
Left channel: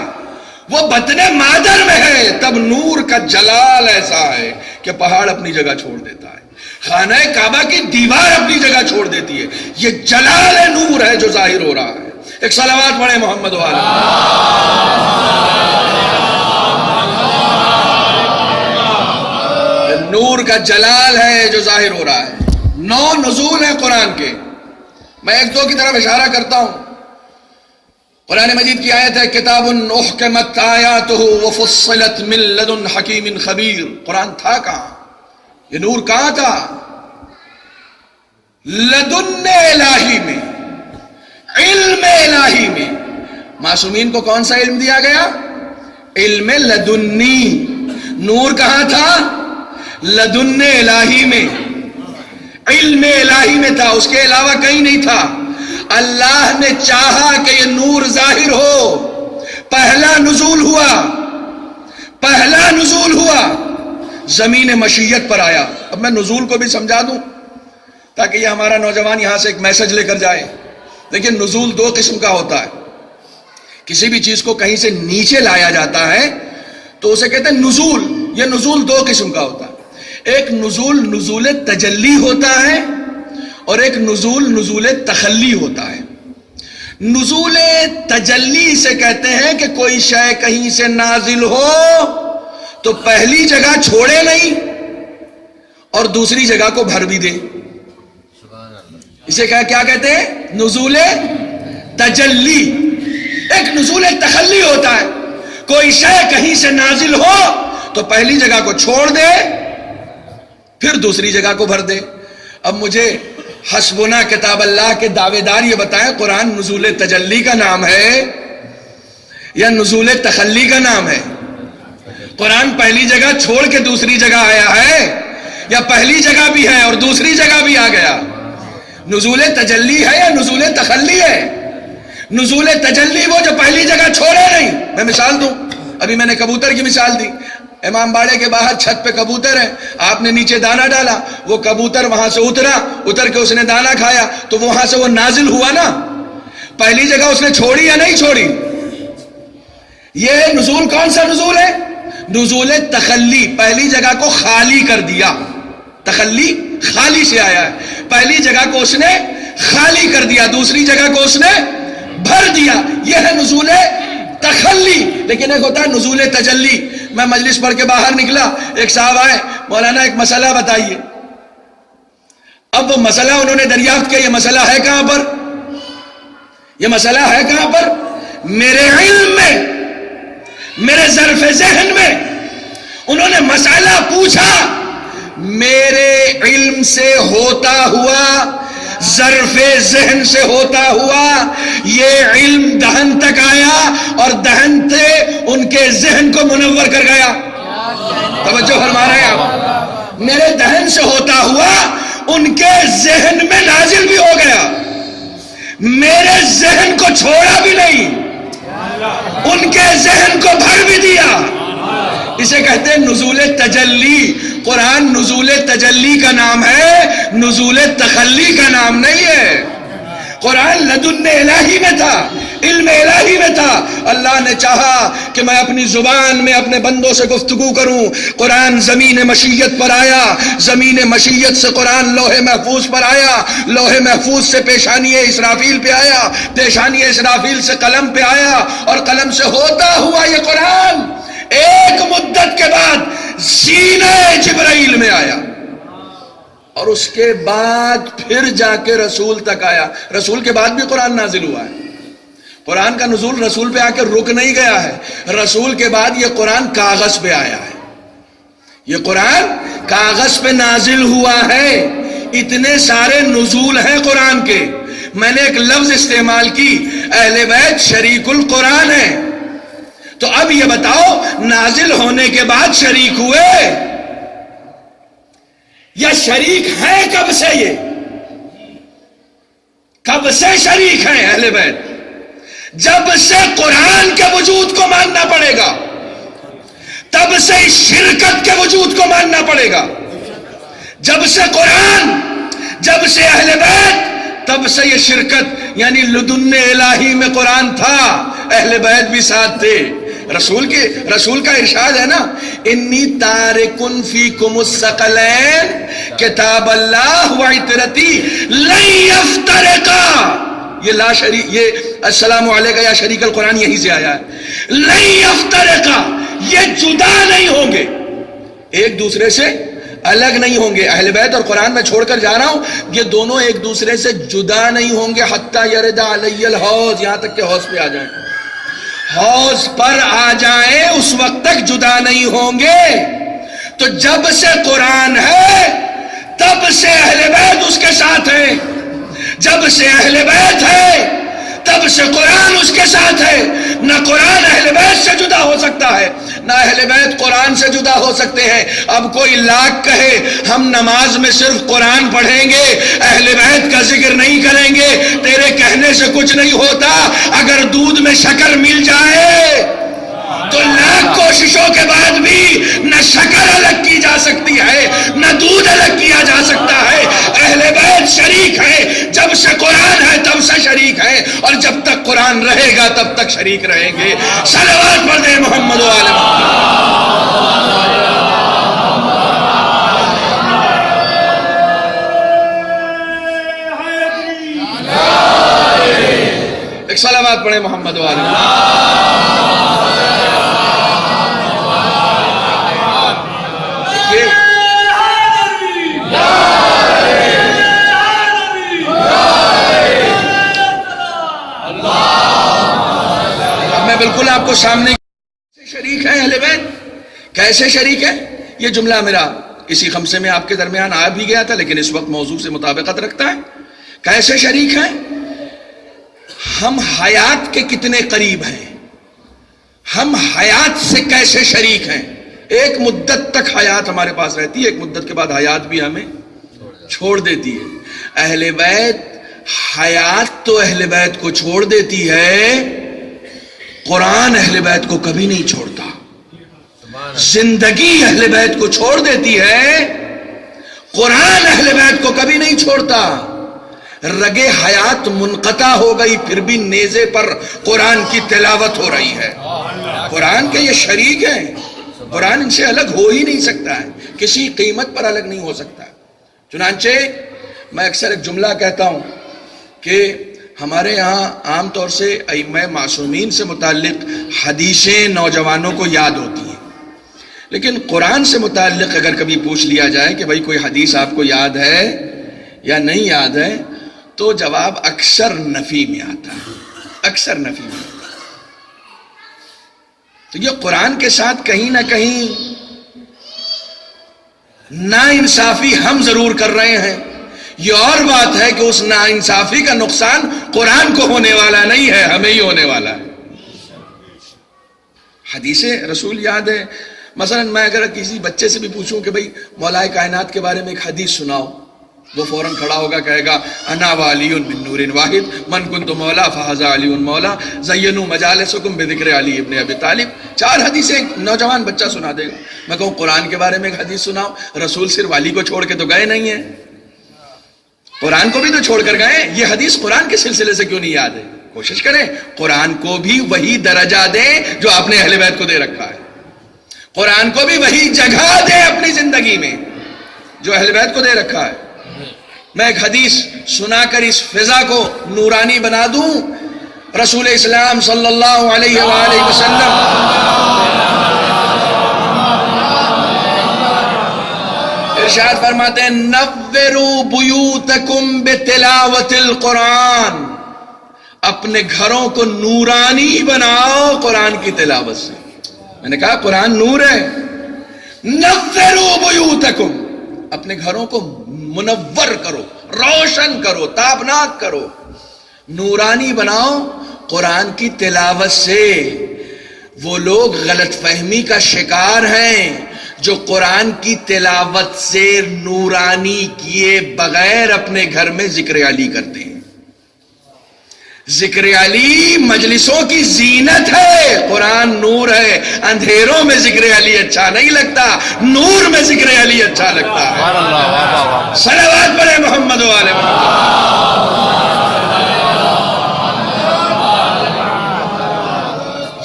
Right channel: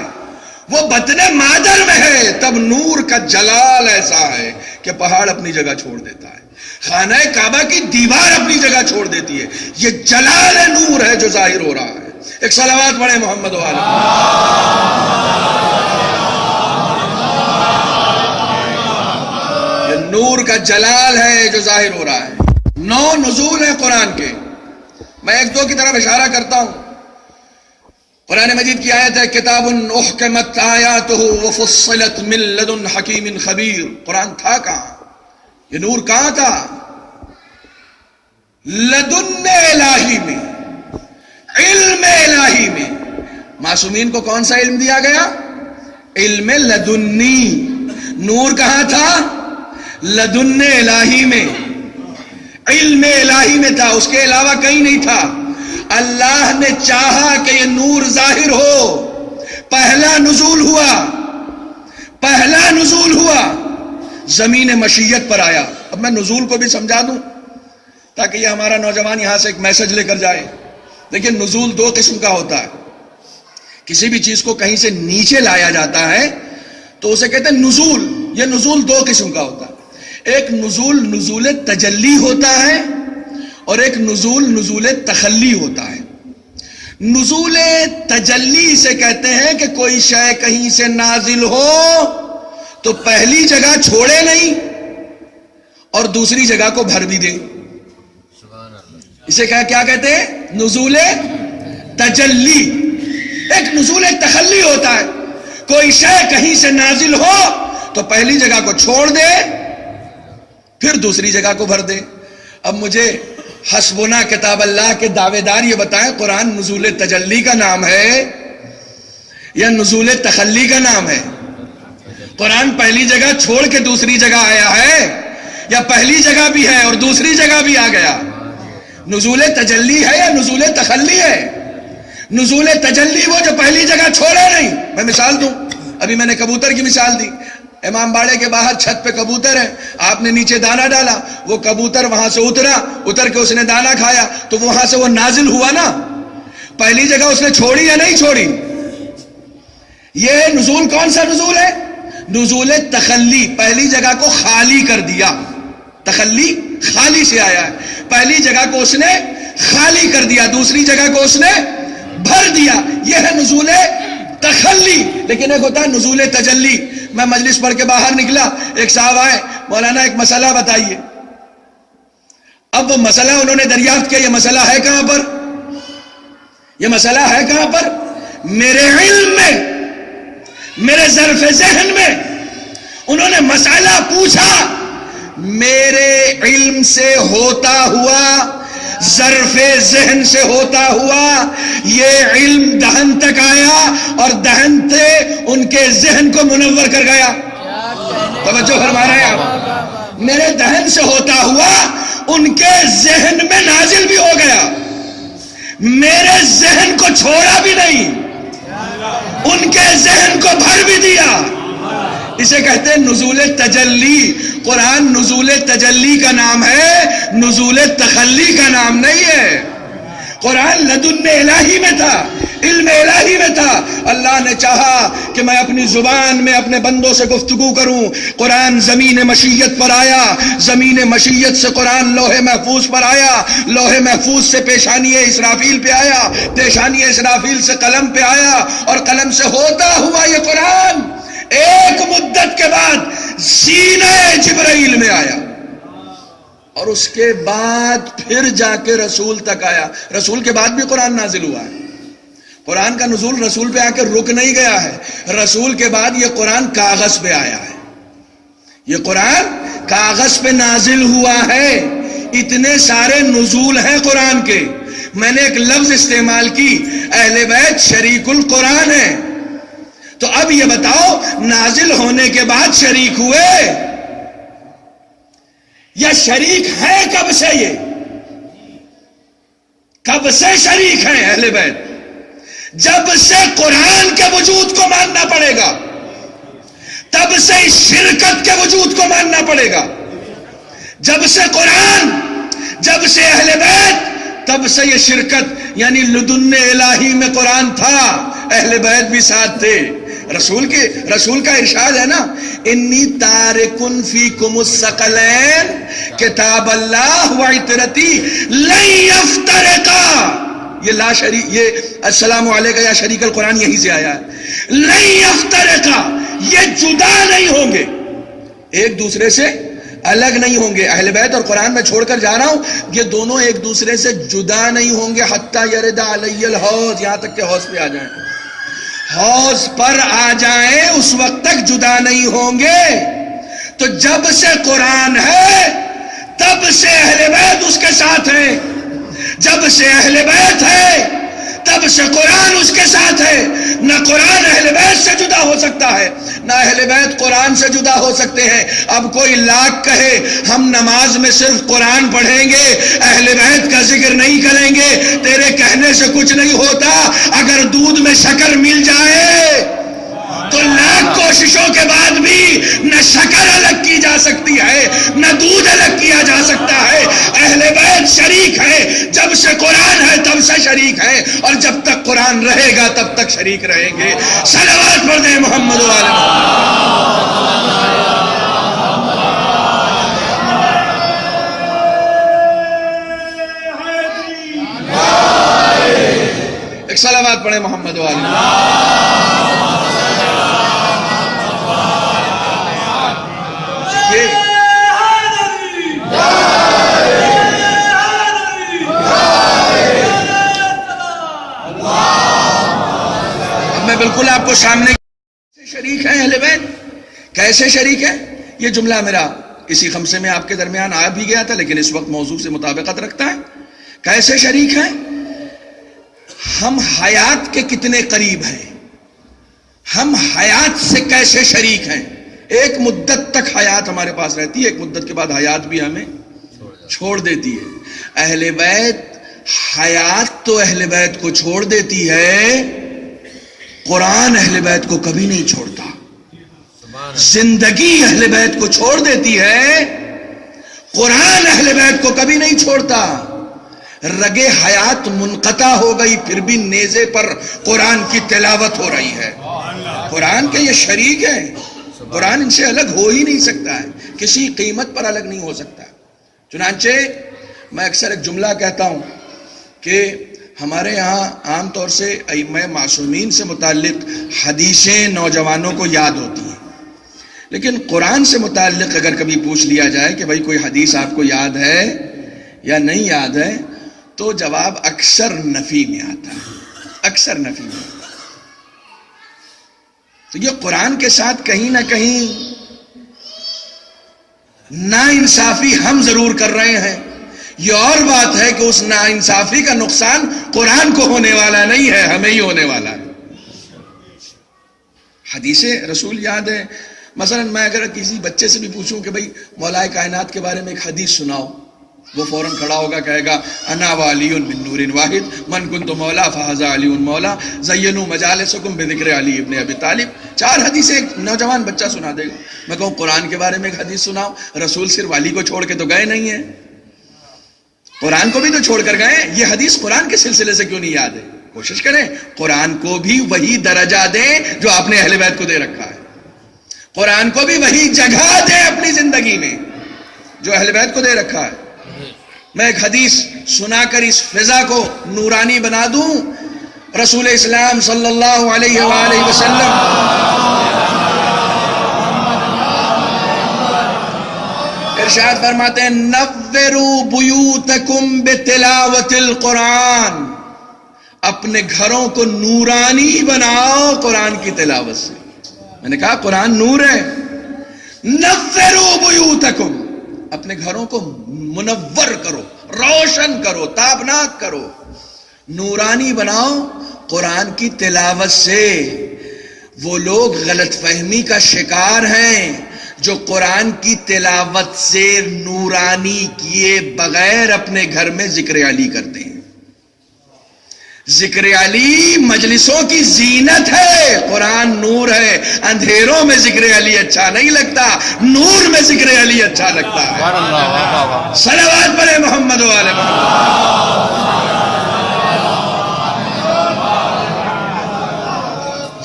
وہ بطن مادر میں ہے. تب نور کا جلال ایسا ہے کہ پہاڑ اپنی جگہ چھوڑ دیتا ہے، خانہ کعبہ کی دیوار اپنی جگہ چھوڑ دیتی ہے. یہ جلال نور ہے جو ظاہر ہو رہا ہے. ایک صلوات پڑھیں محمد و آل محمد. یہ نور کا جلال ہے جو ظاہر ہو رہا ہے. 9 نزول ہیں قرآن کے. میں ایک دو کی طرف اشارہ کرتا ہوں. قرآن مجید کی آیت ہے کتاب احکمت آیاتہ وفصلت من لدن حکیم خبیر. قرآن تھا کہاں؟ یہ نور کہاں تھا؟ لدن الہی میں، علم الہی میں. معصومین کو کون سا علم دیا گیا؟ علم لدنی. نور کہاں تھا؟ لدن الہی میں، علم الہی میں تھا، اس کے علاوہ کہیں نہیں تھا. اللہ نے چاہا کہ یہ نور ظاہر ہو. پہلا نزول ہوا، پہلا نزول ہوا زمین مشیت پر آیا. اب میں نزول کو بھی سمجھا دوں تاکہ یہ ہمارا نوجوان یہاں سے ایک میسج لے کر جائے. دیکھیں نزول 2 قسم کا ہوتا ہے. کسی بھی چیز کو کہیں سے نیچے لایا جاتا ہے تو اسے کہتے ہیں نزول. یہ نزول 2 قسم کا ہوتا ہے. ایک نزول نزول تجلی ہوتا ہے اور ایک نزول نزول تخلی ہوتا ہے. نزول تجلی سے کہتے ہیں کہ کوئی شے کہیں سے نازل ہو تو پہلی جگہ چھوڑے نہیں اور دوسری جگہ کو بھر بھی دے. اسے کیا کہتے ہیں؟ نزول تجلی. ایک نزول تخلی ہوتا ہے، کوئی شے کہیں سے نازل ہو تو پہلی جگہ کو چھوڑ دے پھر دوسری جگہ کو بھر دے. اب مجھے حسبنا کتاب اللہ کے دعوے دار یہ بتائیں قرآن نزول تجلی کا نام ہے یا نزول تخلی کا نام ہے؟ قرآن پہلی جگہ چھوڑ کے دوسری جگہ آیا ہے یا پہلی جگہ بھی ہے اور دوسری جگہ بھی آ گیا؟ نزول تجلی ہے یا نزول تخلی ہے؟ نزول تجلی وہ جو پہلی جگہ چھوڑے نہیں. میں مثال دوں، ابھی میں نے کبوتر کی مثال دی. امام باڑے کے باہر چھت پہ کبوتر ہے، آپ نے نیچے دانا ڈالا، وہ کبوتر وہاں سے اتر کے اس نے دانا کھایا تو وہاں سے وہ نازل ہوا نا. پہلی جگہ اس نے چھوڑی یا نہیں چھوڑی؟ یہ نزول کون سا نزول ہے؟ نزول تخلی. پہلی جگہ کو خالی کر دیا. تخلی خالی سے آیا ہے. پہلی جگہ کو اس نے خالی کر دیا، دوسری جگہ کو اس نے بھر دیا. یہ ہے نزول تخلی. لیکن ایک ہوتا ہے نزول تجلی. میں مجلس پڑھ کے باہر نکلا، ایک صاحب آئے، مولانا ایک مسئلہ بتائیے. اب وہ مسئلہ انہوں نے دریافت کیا، یہ مسئلہ ہے کہاں پر؟ یہ مسئلہ ہے کہاں پر؟ میرے علم میں، میرے ظرف ذہن میں. انہوں نے مسئلہ پوچھا، میرے علم سے ہوتا ہوا، ظرف ذہن سے ہوتا ہوا یہ علم دہن تک آیا اور دہن سے ان کے ذہن کو منور کر گیا. توجہ فرما رہے ہیں آپ؟ میرے دہن سے ہوتا ہوا ان کے ذہن میں نازل بھی ہو گیا، میرے ذہن کو چھوڑا بھی نہیں، ان کے ذہن کو بھر بھی دیا۔ اسے کہتے ہیں نزول تجلی۔ قرآن نزول تجلی کا نام ہے، نزول تخلی کا نام نہیں ہے۔ قرآن لدن الہی میں تھا، علم الہی میں تھا۔ اللہ نے چاہا کہ میں اپنی زبان میں اپنے بندوں سے گفتگو کروں، قرآن زمین مشیت پر آیا، زمین مشیت سے قرآن لوح محفوظ پر آیا، لوح محفوظ سے پیشانی اسرافیل پہ آیا، پیشانی اسرافیل سے قلم پہ آیا، اور قلم سے ہوتا ہوا یہ قرآن ایک مدت کے بعد سینہ جبرائیل میں آیا، اور اس کے بعد پھر جا کے رسول تک آیا۔ رسول کے بعد بھی قرآن نازل ہوا ہے۔ قرآن کا نزول رسول پہ آ کے رک نہیں گیا ہے، رسول کے بعد یہ قرآن کاغذ پہ آیا ہے، یہ قرآن کاغذ پہ نازل ہوا ہے۔ اتنے سارے نزول ہیں قرآن کے۔ میں نے ایک لفظ استعمال کی، اہل بیت شریک القرآن ہے۔ تو اب یہ بتاؤ، نازل ہونے کے بعد شریک ہوئے یا شریک ہیں کب سے؟ یہ کب سے شریک ہیں اہل بیت؟ جب سے قرآن کے وجود کو ماننا پڑے گا، تب سے شرکت کے وجود کو ماننا پڑے گا۔ جب سے قرآن، جب سے اہل بیت، تب سے یہ شرکت، یعنی لدن الہی میں قرآن تھا، اہل بیت بھی ساتھ تھے۔ رسول کا ارشاد ہے نا، انی تارکن فیکم الثقلین کتاب اللہ و عطرتی لن یفترقا۔ یہ لا شریک، یہ السلام علیکہ یا شریک القرآن یہیں سے آیا ہے۔ لن یفترقا، یہ جدا نہیں ہوں گے، ایک دوسرے سے الگ نہیں ہوں گے۔ اہل بیت اور قرآن میں چھوڑ کر جا رہا ہوں، یہ دونوں ایک دوسرے سے جدا نہیں ہوں گے، حتی یرد علی الحوض، یہاں تک کہ حوض پہ آ جائیں، حوض پر آ جائیں، اس وقت تک جدا نہیں ہوں گے۔ تو جب سے قرآن ہے تب سے اہل بیت اس کے ساتھ ہیں، جب سے اہل بیت ہے تب سے قرآن اس کے ساتھ ہے۔ نہ قرآن اہل بیت سے جدا ہو سکتا ہے، نہ اہل بیت قرآن سے جدا ہو سکتے ہیں۔ اب کوئی لاکھ کہے ہم نماز میں صرف قرآن پڑھیں گے، اہل بیت کا ذکر نہیں کریں گے، تیرے کہنے سے کچھ نہیں ہوتا۔ اگر دودھ میں شکر مل جائے تو لاکھ کوششوں کے بعد بھی نہ شکر الگ کی جا سکتی ہے، نہ دودھ الگ کیا جا سکتا ہے۔ اہل بیت شریک ہے، جب سے قرآن ہے تب سے شریک ہے، اور جب تک قرآن رہے گا تب تک شریک رہیں گے۔ صلوات پڑھ دیں محمد و آل محمد۔ ایک صلوات پڑھیں محمد و آل محمد۔ اب میں بالکل آپ کو سامنے شریک ہے اہل بیت، کیسے شریک ہے؟ یہ جملہ میرا کسی خمسے میں آپ کے درمیان آ بھی گیا تھا، لیکن اس وقت موضوع سے مطابقت رکھتا ہے۔ کیسے شریک ہیں؟ ہم حیات کے کتنے قریب ہیں، ہم حیات سے کیسے شریک ہیں؟ ایک مدت تک حیات ہمارے پاس رہتی ہے، ایک مدت کے بعد حیات بھی ہمیں چھوڑ دیتی ہے۔ اہل بیت، حیات تو اہل بیت کو چھوڑ دیتی ہے، قرآن اہل بیت کو کبھی نہیں چھوڑتا۔ زندگی اہل بیت کو چھوڑ دیتی ہے، قرآن اہل بیت کو کبھی نہیں چھوڑتا۔ رگے حیات منقطع ہو گئی، پھر بھی نیزے پر قرآن کی تلاوت ہو رہی ہے۔ قرآن کے یہ شریک ہیں، قرآن ان سے الگ ہو ہی نہیں سکتا ہے، کسی قیمت پر الگ نہیں ہو سکتا ہے۔ چنانچہ میں اکثر ایک جملہ کہتا ہوں کہ ہمارے یہاں عام طور سے ائمہ معصومین سے متعلق حدیثیں نوجوانوں کو یاد ہوتی ہیں، لیکن قرآن سے متعلق اگر کبھی پوچھ لیا جائے کہ بھائی کوئی حدیث آپ کو یاد ہے یا نہیں یاد ہے، تو جواب اکثر نفی میں آتا ہے، اکثر نفی میں آتا ہے۔ تو یہ قرآن کے ساتھ کہیں نہ کہیں ناانصافی ہم ضرور کر رہے ہیں۔ یہ اور بات ہے کہ اس ناانصافی کا نقصان قرآن کو ہونے والا نہیں ہے، ہمیں ہی ہونے والا ہے۔ حدیث رسول یاد ہے، مثلا میں اگر کسی بچے سے بھی پوچھوں کہ بھائی مولا کائنات کے بارے میں ایک حدیث سناؤ، وہ فوراً کھڑا ہوگا، کہے گا انا وعلی من نور واحد من کنت مولا فہذا علی مولا زینوا مجالسکم بذکر علی ابن ابی طالب. 4 حدیثیں ایک نوجوان بچہ سنا دے گا. میں کہوں قرآن کے بارے میں ایک حدیث سناؤ. رسول صرف علی کو چھوڑ کے تو گئے نہیں ہیں، قرآن کو بھی تو چھوڑ کر گئے. یہ حدیث قرآن کے سلسلے سے کیوں نہیں یاد ہے؟ کوشش کریں قرآن کو بھی وہی درجہ دیں جو آپ نے اہل بیت کو دے رکھا ہے. قرآن کو بھی وہی جگہ دیں اپنی زندگی میں جو اہل بیت کو دے رکھا ہے. میں ایک حدیث سنا کر اس فضا کو نورانی بنا دوں. رسول اسلام صلی اللہ علیہ وآلہ وسلم ارشاد فرماتے ہیں نوروا بیوتکم بتلاوت القرآن. اپنے گھروں کو نورانی بناؤ قرآن کی تلاوت سے. میں نے کہا قرآن نور ہے. نوروا بیوتکم، اپنے گھروں کو منور کرو، روشن کرو، تابناک کرو، نورانی بناؤ قرآن کی تلاوت سے. وہ لوگ غلط فہمی کا شکار ہیں جو قرآن کی تلاوت سے نورانی کیے بغیر اپنے گھر میں ذکر علی کرتے ہیں. ذکر علی مجلسوں کی زینت ہے، قرآن نور ہے. اندھیروں میں ذکر علی اچھا نہیں لگتا، نور میں ذکر علی اچھا لگتا ہے. صلوات پڑھیں محمد و آل محمد.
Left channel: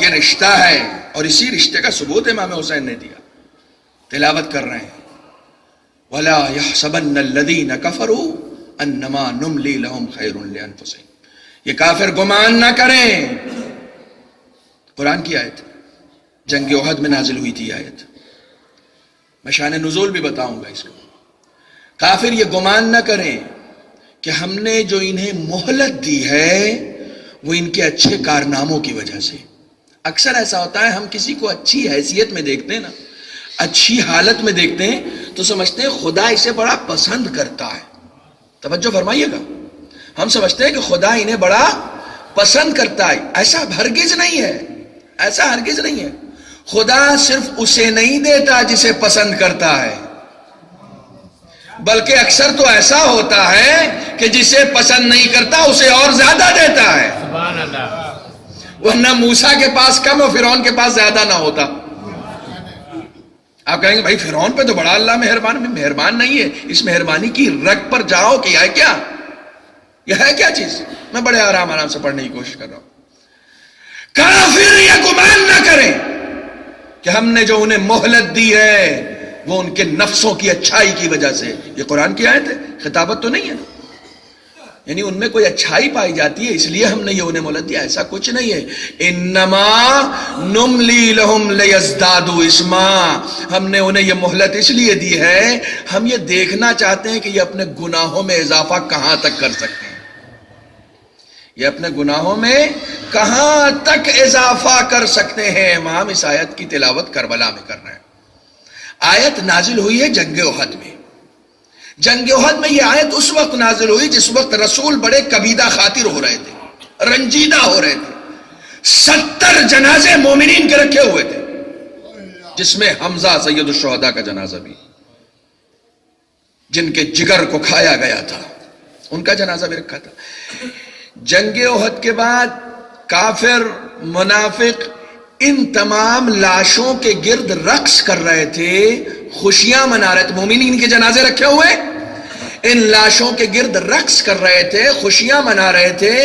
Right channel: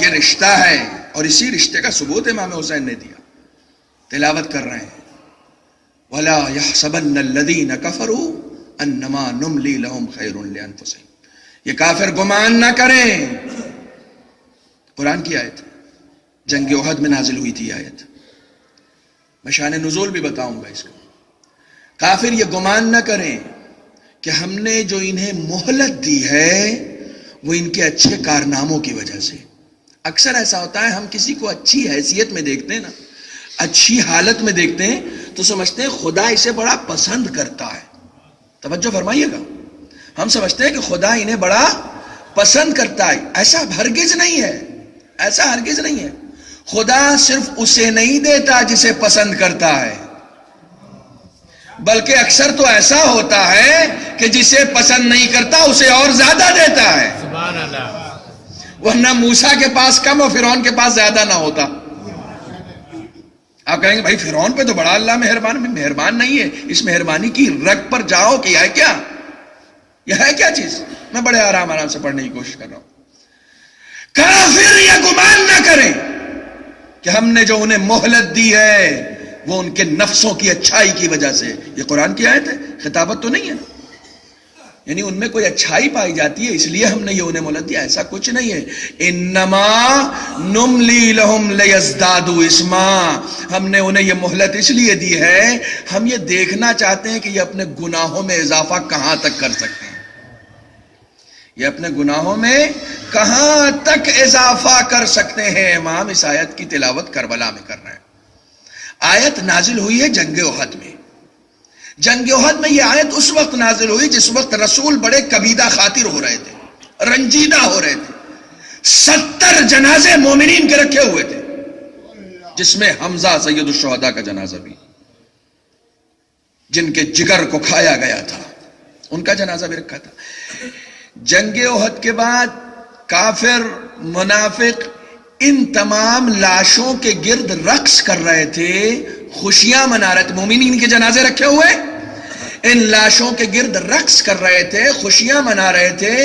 یہ رشتہ ہے اور اسی رشتے کا ثبوت امام حسین نے دیا. تلاوت کر رہے ہیں وَلَا يَحْسَبَنَّ الَّذِينَ كَفَرُوا أَنَّمَا نُمْلِي لَهُمْ خَيْرٌ لِأَنفُسِهِمْ. یہ کافر گمان نہ کریں. قرآن کی آیت جنگ احد میں نازل ہوئی تھی آیت. میں شان نزول بھی بتاؤں گا اس کو. کافر یہ گمان نہ کریں کہ ہم نے جو انہیں مہلت دی ہے وہ ان کے اچھے کارناموں کی وجہ سے. اکثر ایسا ہوتا ہے ہم کسی کو اچھی حیثیت میں دیکھتے ہیں نا، اچھی حالت میں دیکھتے ہیں تو سمجھتے ہیں خدا اسے بڑا پسند کرتا ہے. توجہ فرمائیے گا. ہم سمجھتے ہیں کہ خدا انہیں بڑا پسند کرتا ہے. ایسا ہرگز نہیں ہے، ایسا ہرگز نہیں ہے. خدا صرف اسے نہیں دیتا جسے پسند کرتا ہے، بلکہ اکثر تو ایسا ہوتا ہے کہ جسے پسند نہیں کرتا اسے اور زیادہ دیتا ہے. ورنہ موسیٰ کے پاس کم اور فرعون کے پاس زیادہ نہ ہوتا. آپ کہیں گے بھائی فرعون پہ تو بڑا اللہ مہربان نہیں ہے. اس مہربانی کی رگ پر جاؤ کہ یہ ہے کیا، یہ ہے کیا چیز. میں بڑے آرام سے پڑھنے کی کوشش کر رہا ہوں. کافر یہ گمان نہ کریں کہ ہم نے جو انہیں مہلت دی ہے وہ ان کے نفسوں کی اچھائی کی وجہ سے. یہ قرآن کی آیت ہے، خطابت تو نہیں ہے نا. یعنی ان میں کوئی اچھائی پائی جاتی ہے اس لیے ہم نے یہ انہیں مہلت دیا، ایسا کچھ نہیں ہے. انما نملی لہم لیزدادوا اسما. ہم نے انہیں یہ مہلت اس لیے دی ہے ہم یہ دیکھنا چاہتے ہیں کہ یہ اپنے گناہوں میں اضافہ کہاں تک کر سکتے ہیں. یہ اپنے گناہوں میں کہاں تک اضافہ کر سکتے ہیں. امام اس آیت کی تلاوت کربلا میں کر رہے ہیں. آیت نازل ہوئی ہے جنگ احد میں. جنگ احد میں یہ آیت اس وقت نازل ہوئی جس وقت رسول بڑے کبیدہ خاطر ہو رہے تھے، رنجیدہ ہو رہے تھے. 70 جنازے مومنین کے رکھے ہوئے تھے جس میں حمزہ سید الشہداء کا جنازہ بھی، جن کے جگر کو کھایا گیا تھا، ان کا جنازہ بھی رکھا تھا. جنگ احد کے بعد کافر منافق ان تمام لاشوں کے گرد رقص کر رہے تھے، خوشیاں منا رہے تھے. مومنین کے جنازے رکھے ہوئے ان لاشوں کے گرد رقص کر رہے تھے، خوشیاں منا رہے تھے.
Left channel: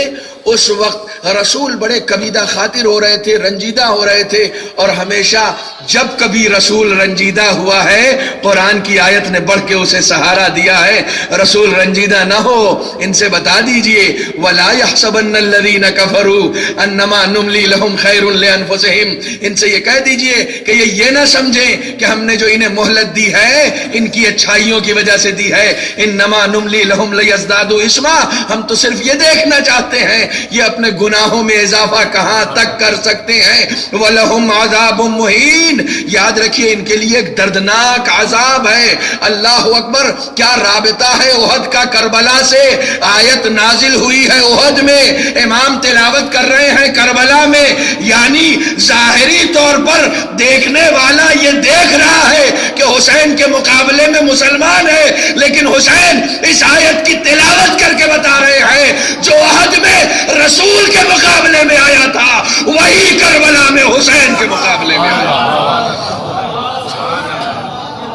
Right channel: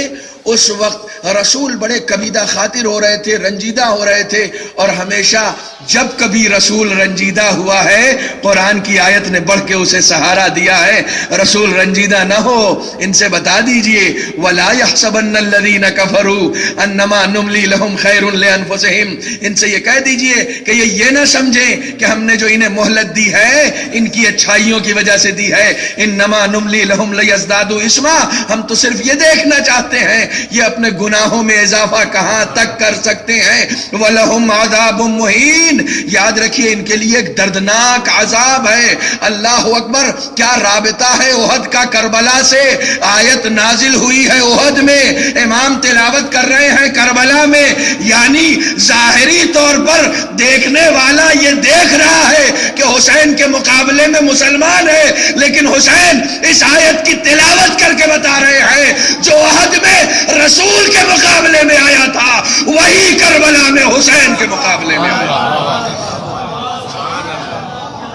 اس وقت رسول بڑے کبیدہ خاطر ہو رہے تھے، رنجیدہ ہو رہے تھے. اور ہمیشہ جب کبھی رسول رنجیدہ ہوا ہے قرآن کی آیت نے بڑھ کے اسے سہارا دیا ہے. رسول رنجیدہ نہ ہو، ان سے بتا دیجئے وَلَا يَحْسَبَنَّ الَّذِينَ كَفَرُوا أَنَّمَا نُمْلِي لَهُمْ خَيْرٌ لِأَنفُسِهِمْ. ان سے یہ کہہ دیجئے کہ یہ نہ سمجھیں کہ ہم نے جو انہیں مہلت دی ہے ان کی اچھائیوں کی وجہ سے دی ہے. انما نملی لہم لیزدادوا اسما. ہم تو صرف یہ دیکھنا چاہتے ہیں یہ اپنے گناہ گناہوں میں اضافہ کہاں تک کر سکتے ہیں. وَلَهُمْ عَذَابٌ مُّهِينٌ. یاد رکھیے ان کے لیے ایک دردناک عذاب ہے. اللہ اکبر. کیا رابطہ ہے احد کا کربلا سے؟ آیت نازل ہوئی ہے احد میں، امام تلاوت کر رہے ہیں کربلا میں، یعنی ظاہری طور پر دیکھنے والا یہ دیکھ رہا ہے کہ حسین کے مقابلے میں مسلمان ہے، لیکن حسین اس آیت کی تلاوت کر کے بتا رہے ہیں جو احد میں رسول کے مقابلے میں آیا تھا وہی کربلا میں حسین کے مقابلے میں آیا.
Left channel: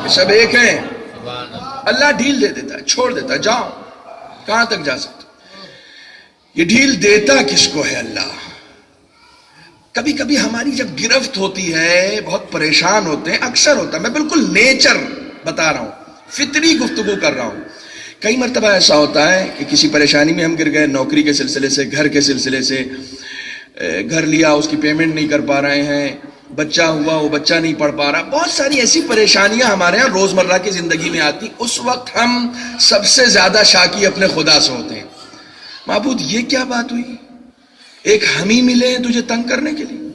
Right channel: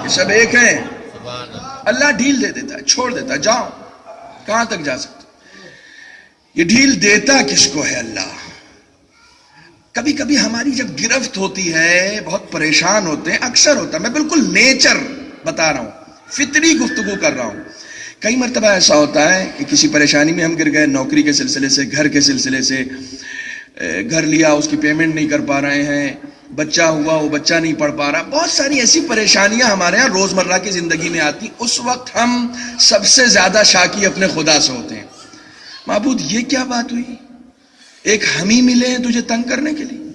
یہ سب ایک ہیں. اللہ ڈھیل دے دیتا ہے، چھوڑ دیتا ہے، جاؤ کہاں تک جا سکتے. یہ ڈھیل دیتا کس کو ہے؟ اللہ. کبھی کبھی ہماری جب گرفت ہوتی ہے بہت پریشان ہوتے ہیں، اکثر ہوتا ہے، میں بالکل نیچر بتا رہا ہوں، فطری گفتگو کر رہا ہوں. کئی مرتبہ ایسا ہوتا ہے کہ کسی پریشانی میں ہم گر گئے، نوکری کے سلسلے سے، گھر کے سلسلے سے، گھر لیا اس کی پیمنٹ نہیں کر پا رہے ہیں، بچہ ہوا وہ بچہ نہیں پڑھ پا رہا، بہت ساری ایسی پریشانیاں ہمارے ہاں روزمرہ کی زندگی میں آتی. اس وقت ہم سب سے زیادہ شاکی اپنے خدا سے ہوتے ہیں. معبود یہ کیا بات ہوئی؟ ایک ہم ہی ملے ہیں تجھے تنگ کرنے کے لیے.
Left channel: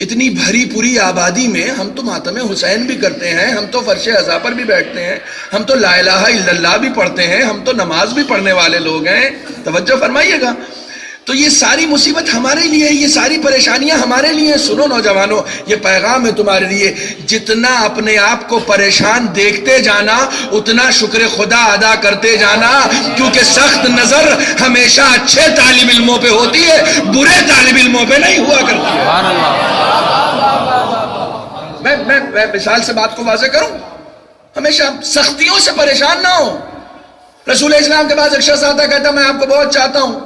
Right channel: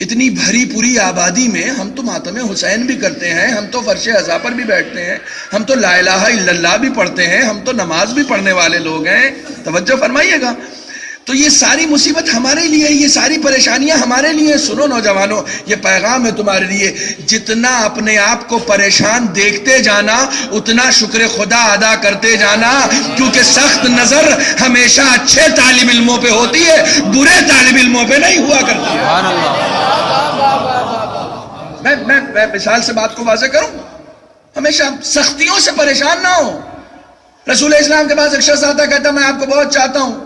اتنی بھری پوری آبادی میں ہم تو ماتم حسین بھی کرتے ہیں، ہم تو فرش عزا پر بھی بیٹھتے ہیں، ہم تو لا الہ الا اللہ بھی پڑھتے ہیں، ہم تو نماز بھی پڑھنے والے لوگ ہیں. توجہ فرمائیے گا. تو یہ ساری مصیبت ہمارے لیے، یہ ساری پریشانیاں ہمارے لیے. سنو نوجوانوں، یہ پیغام ہے تمہارے لیے. جتنا اپنے آپ کو پریشان دیکھتے جانا اتنا شکر خدا ادا کرتے جانا، کیونکہ سخت نظر ہمیشہ اچھے طالب علموں پہ ہوتی ہے، برے طالب علموں پہ نہیں ہوا کرتی ہے. سبحان اللہ. میں مثال سے بات کو واضح کروں. ہمیشہ سختیوں سے پریشان نہ ہو. رسول اسلام کے پاس ایک شخص آتا کہتا میں آپ کو بہت چاہتا ہوں،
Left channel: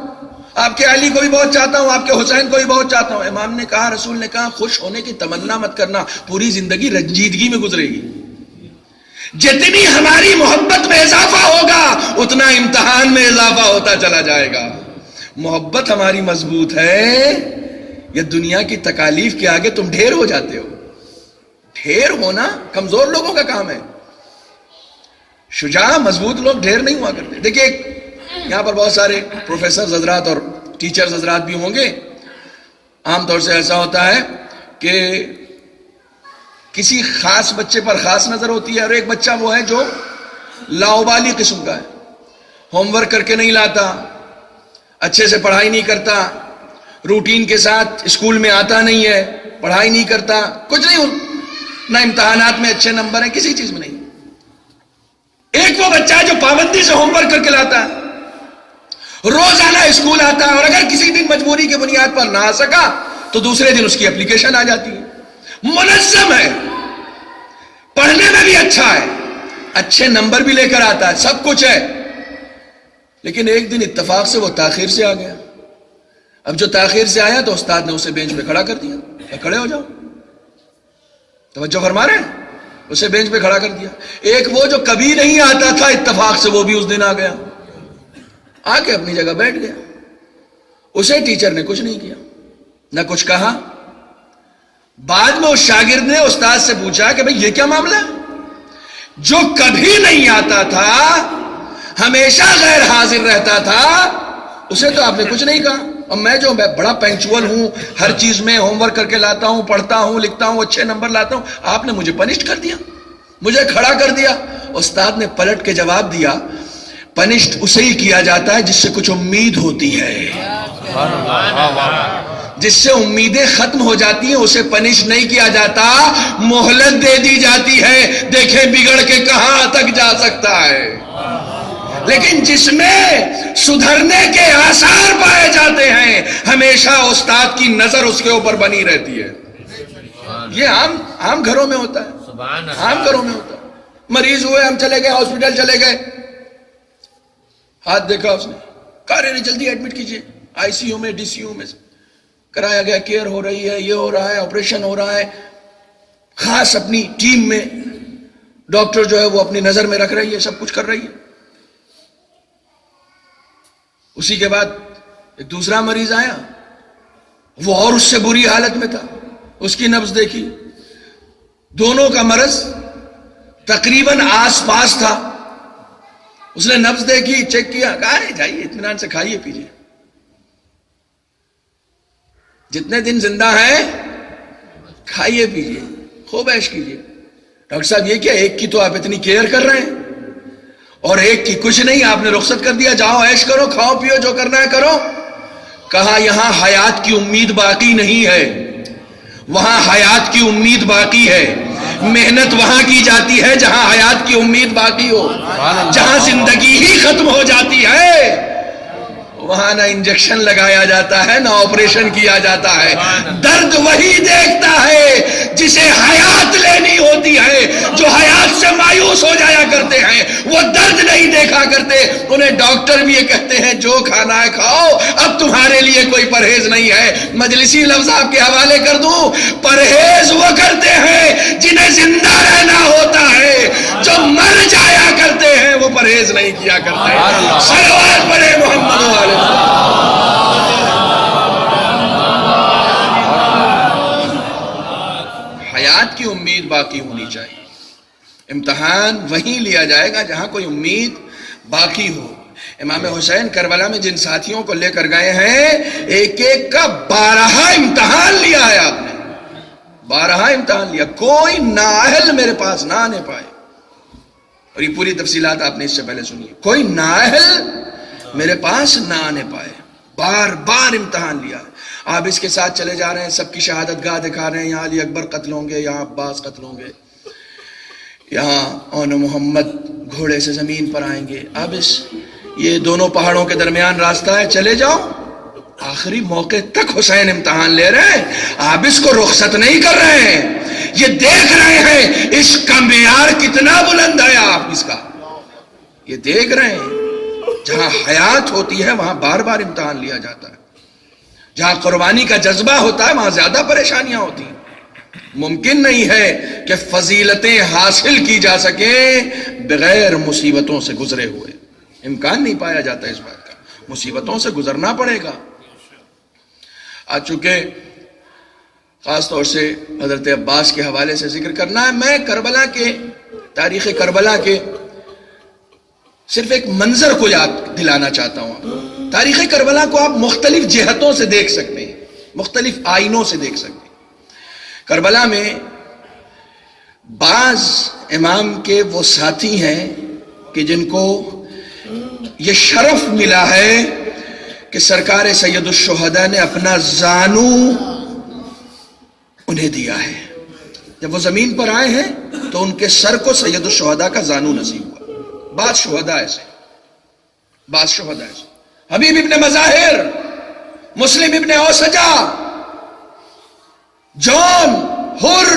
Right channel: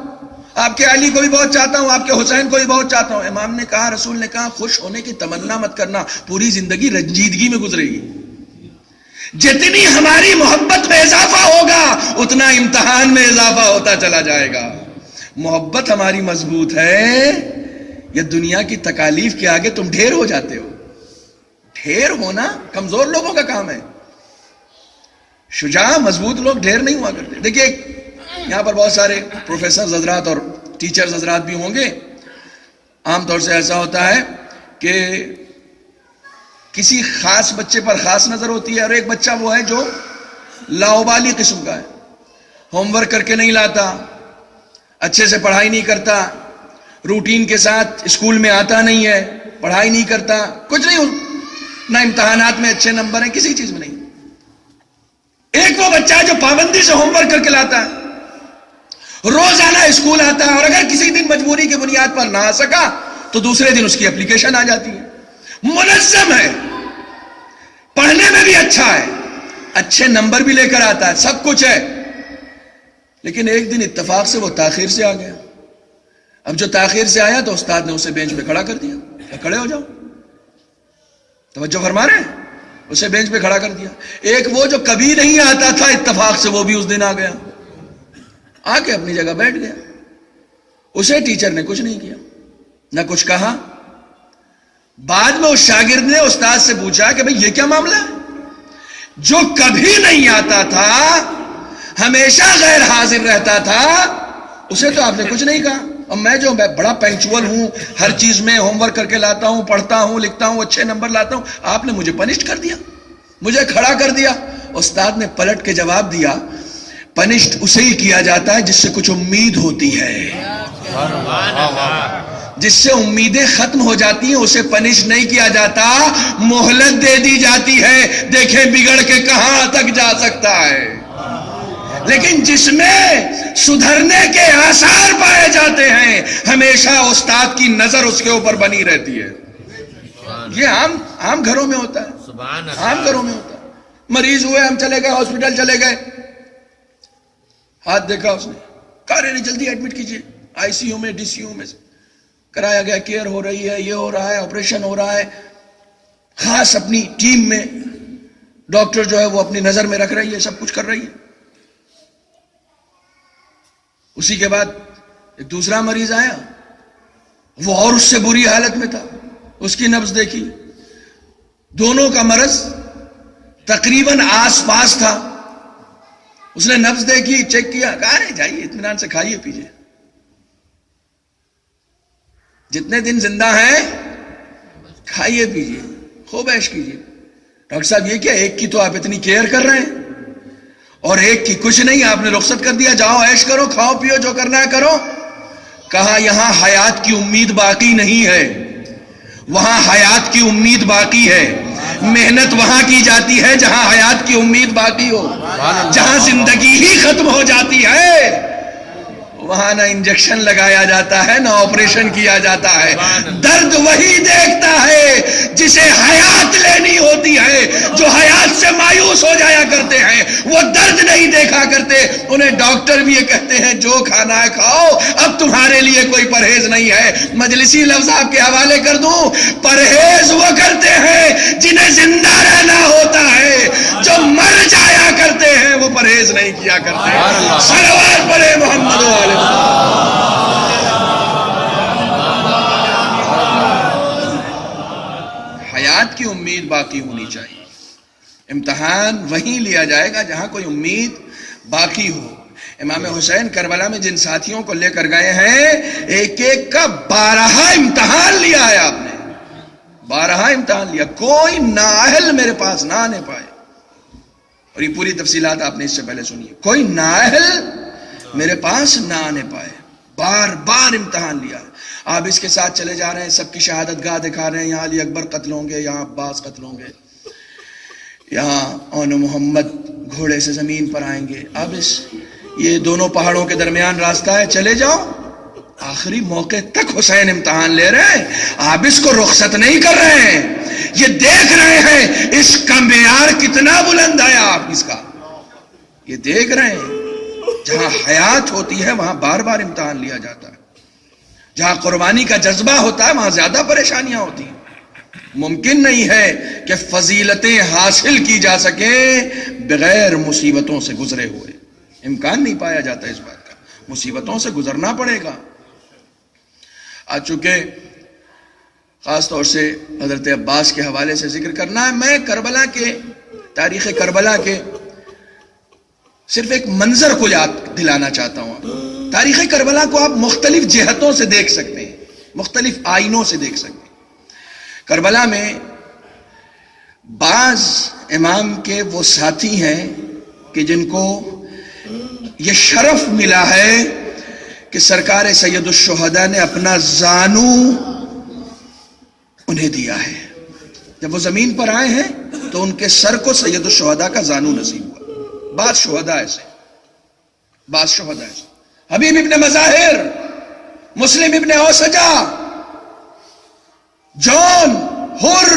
آپ کے علی کو بھی بہت چاہتا ہوں، آپ کے حسین کو بھی بہت چاہتا ہوں. امام نے کہا، رسول نے کہا، خوش ہونے کی تمنا مت کرنا، پوری زندگی رنجیدگی میں گزرے گی. جتنی ہماری محبت میں اضافہ ہوگا اتنا امتحان میں اضافہ ہوتا چلا جائے گا. محبت ہماری مضبوط ہے، یہ دنیا کی تکالیف کے آگے تم ڈھیر ہو جاتے ہو. ڈھیر ہونا کمزور لوگوں کا کام ہے. شجاع مضبوط لوگ ڈھیر نہیں ہوا کرتے. دیکھیے یہاں پر بہت سارے پروفیسر حضرات اور ٹیچرز حضرات بھی ہوں گے. عام طور سے ایسا ہوتا ہے کہ کسی خاص بچے پر خاص نظر ہوتی ہے، اور ایک بچہ وہ ہے جو لاؤبالی قسم کا ہے، ہوم ورک کر کے نہیں لاتا، اچھے سے پڑھائی نہیں کرتا، روٹین کے ساتھ اسکول میں آتا نہیں ہے، پڑھائی نہیں کرتا، کچھ نہیں، نہ امتحانات میں اچھے نمبر ہیں، کسی چیز میں نہیں. ایک وہ بچہ ہے جو پابندی سے ہوم ورک کر کے لاتا ہے، روزانہ اسکول آتا ہے، اور اگر کسی دن مجبوری کی بنیاد پر نہ آ سکا تو دوسرے دن اس کی اپلیکیشن آ جاتی ہے. منظم ہے، پڑھنے میں بھی اچھا ہے، اچھے نمبر بھی لے کر آتا ہے، سب کچھ ہے. لیکن ایک دن اتفاق سے وہ تاخیر سے آ گیا. اب جو تاخیر سے آیا تو استاد نے اسے بینچ پہ کھڑا کر دیا. کھڑے ہو جاؤ. توجہ فرما رہے ہیں؟ اسے بینچ پہ کھڑا کر دیا. ایک وہ جو کبھی نہیں آتا تھا اتفاق سے، وہ بھی اس دن آ گیا، آ کے اپنی جگہ بیٹھ گیا. اسے ٹیچر نے کچھ نہیں کیا، نہ کچھ کہا. بعد میں اس شاگرد نے استاد سے پوچھا کہ بھئی یہ کیا معاملہ ہے؟ جو کبھی نہیں آتا تھا، ہمیشہ غیر حاضر رہتا تھا، اسے تو آپ نے کچھ نہیں کہا. اور میں جو بڑا پنکچول ہوں، ہر چیز میں ہوم ورک کر کے لاتا ہوں، پڑھتا ہوں، لکھتا ہوں، اچھے نمبر لاتا ہوں، آپ نے مجھے پنشڈ کر دیا، مجھے کھڑا کر دیا. استاد نے پلٹ کے جواب دیا، پنشڈ اسے ہی کیا جاتا ہے جس سے کچھ امید ہوتی ہے. جس سے امیدیں ختم ہو جاتی ہیں اسے پنش نہیں کیا جاتا، مہلت دے دی جاتی ہے، دیکھیں بگڑ کے کہاں تک جا سکتا ہے. لیکن جس میں سدھرنے کے آثار پائے جاتے ہیں ہمیشہ استاد کی نظر اس کے اوپر بنی رہتی ہے. یہ عام گھروں میں ہوتا ہے، عام گھروں میں ہوتا ہے. مریض ہوئے، ہم چلے گئے، ہاسپٹل چلے گئے، ہاتھ دیکھا اس نے، کہا رہے جلدی ایڈمٹ کیجئے، آئی سی یو میں، ڈی سی یو میں کرایا گیا، کیئر ہو رہی ہے، یہ ہو رہا ہے، آپریشن ہو رہا ہے. خاص اپنی ٹیم میں ڈاکٹر جو ہے وہ اپنی نظر میں رکھ رہی ہے، سب کچھ کر رہی ہے. اسی کے بعد ایک دوسرا مریض آیا، وہ اور اس سے بری حالت میں تھا. اس کی نبض دیکھی، دونوں کا مرض تقریباً آس پاس تھا. اس نے نبض دیکھی، چیک کیا، کہا ہے جائیے اطمینان سے کھائیے پیجیے. جتنے دن زندہ ہیں کھائیے پیجیے خوب عیش کیجیے. ڈاکٹر صاحب یہ کیا، ایک کی تو آپ اتنی کیئر کر رہے ہیں اور ایک کی کچھ نہیں، آپ نے رخصت کر دیا، جاؤ عیش کرو، کھاؤ پیو، جو کرنا ہے کرو. کہا یہاں حیات کی امید باقی نہیں ہے، وہاں حیات کی امید باقی ہے. محنت وہاں کی جاتی ہے جہاں حیات کی امید باقی ہو. جہاں زندگی ہی ختم ہو جاتی ہے وہاں نہ انجیکشن لگایا جاتا ہے نہ آپریشن کیا جاتا ہے. درد وہی دیکھتا ہے جسے حیات لینی ہوتی ہے. جو حیات سے مایوس ہو جایا کرتے ہیں وہ درد نہیں دیکھا کرتے. انہیں ڈاکٹر بھی یہ کہتے ہیں جو کھانا ہے کھاؤ، اب تمہارے لیے کوئی پرہیز نہیں ہے. مجلسی لفظ آپ کے حوالے کر دوں، پرہیز وہ کرتے ہیں جنہیں زندہ رہنا ہوتا ہے، جو مر جایا کرتے ہیں وہ پرہیز نہیں کیا کرتے. صلوات پڑھے محمد والے. حیات کی امید باقی ہونی چاہیے. امتحان وہیں لیا جائے گا جہاں کوئی امید باقی ہو. امام حسین کربلا میں جن ساتھیوں کو لے کر گئے ہیں ایک ایک کا 12 امتحان لیا ہے آپ نے، 12 امتحان لیا. کوئی نااہل میرے پاس نہ آنے پائے. اور یہ پوری تفصیلات آپ نے اس سے پہلے سنی ہے. کوئی نااہل میرے پاس نہ آنے پائے. بار بار امتحان لیا ہے. آپ اس کے ساتھ چلے جا رہے ہیں، سب کی شہادت گاہ دکھا رہے ہیں، یہاں علی اکبر قتل ہوں گے، یہاں عباس قتل ہوں گے، یہاں اون محمد گھوڑے سے زمین پر آئیں گے. اب یہ دونوں پہاڑوں کے درمیان راستہ ہے، چلے جاؤ. آخری موقع تک حسین امتحان لے رہے ہیں. آپ اس کو رخصت نہیں کر رہے ہیں، یہ دیکھ رہے ہیں اس کا معیار کتنا بلند ہے. آپ اس کا یہ دیکھ رہے ہیں. جہاں حیات ہوتی ہے وہاں بار بار امتحان لیا جاتا ہے. جہاں قربانی کا جذبہ ہوتا ہے وہاں زیادہ پریشانیاں ہوتی ہیں. ممکن نہیں ہے کہ فضیلتیں حاصل کی جا سکیں بغیر مصیبتوں سے گزرے ہوئے. امکان نہیں پایا جاتا اس بات کا. مصیبتوں سے گزرنا پڑے گا. آج چونکہ خاص طور سے حضرت عباس کے حوالے سے ذکر کرنا ہے، میں کربلا کے تاریخ کربلا کے صرف ایک منظر کو یاد دلانا چاہتا ہوں. تاریخ کربلا کو آپ مختلف جہتوں سے دیکھ سکتے ہیں، مختلف آئینوں سے دیکھ سکتے ہیں. کربلا میں بعض امام کے وہ ساتھی ہیں کہ جن کو یہ شرف ملا ہے کہ سرکار سید الشہداء نے اپنا زانو انہیں دیا ہے. جب وہ زمین پر آئے ہیں تو ان کے سر کو سید الشہداء کا زانو نصیب ہوا. بعض شہداء ایسے، بعض شہداء ایسے. حبیب ابن مظاہر، مسلم ابن اوسجا، جون، حر،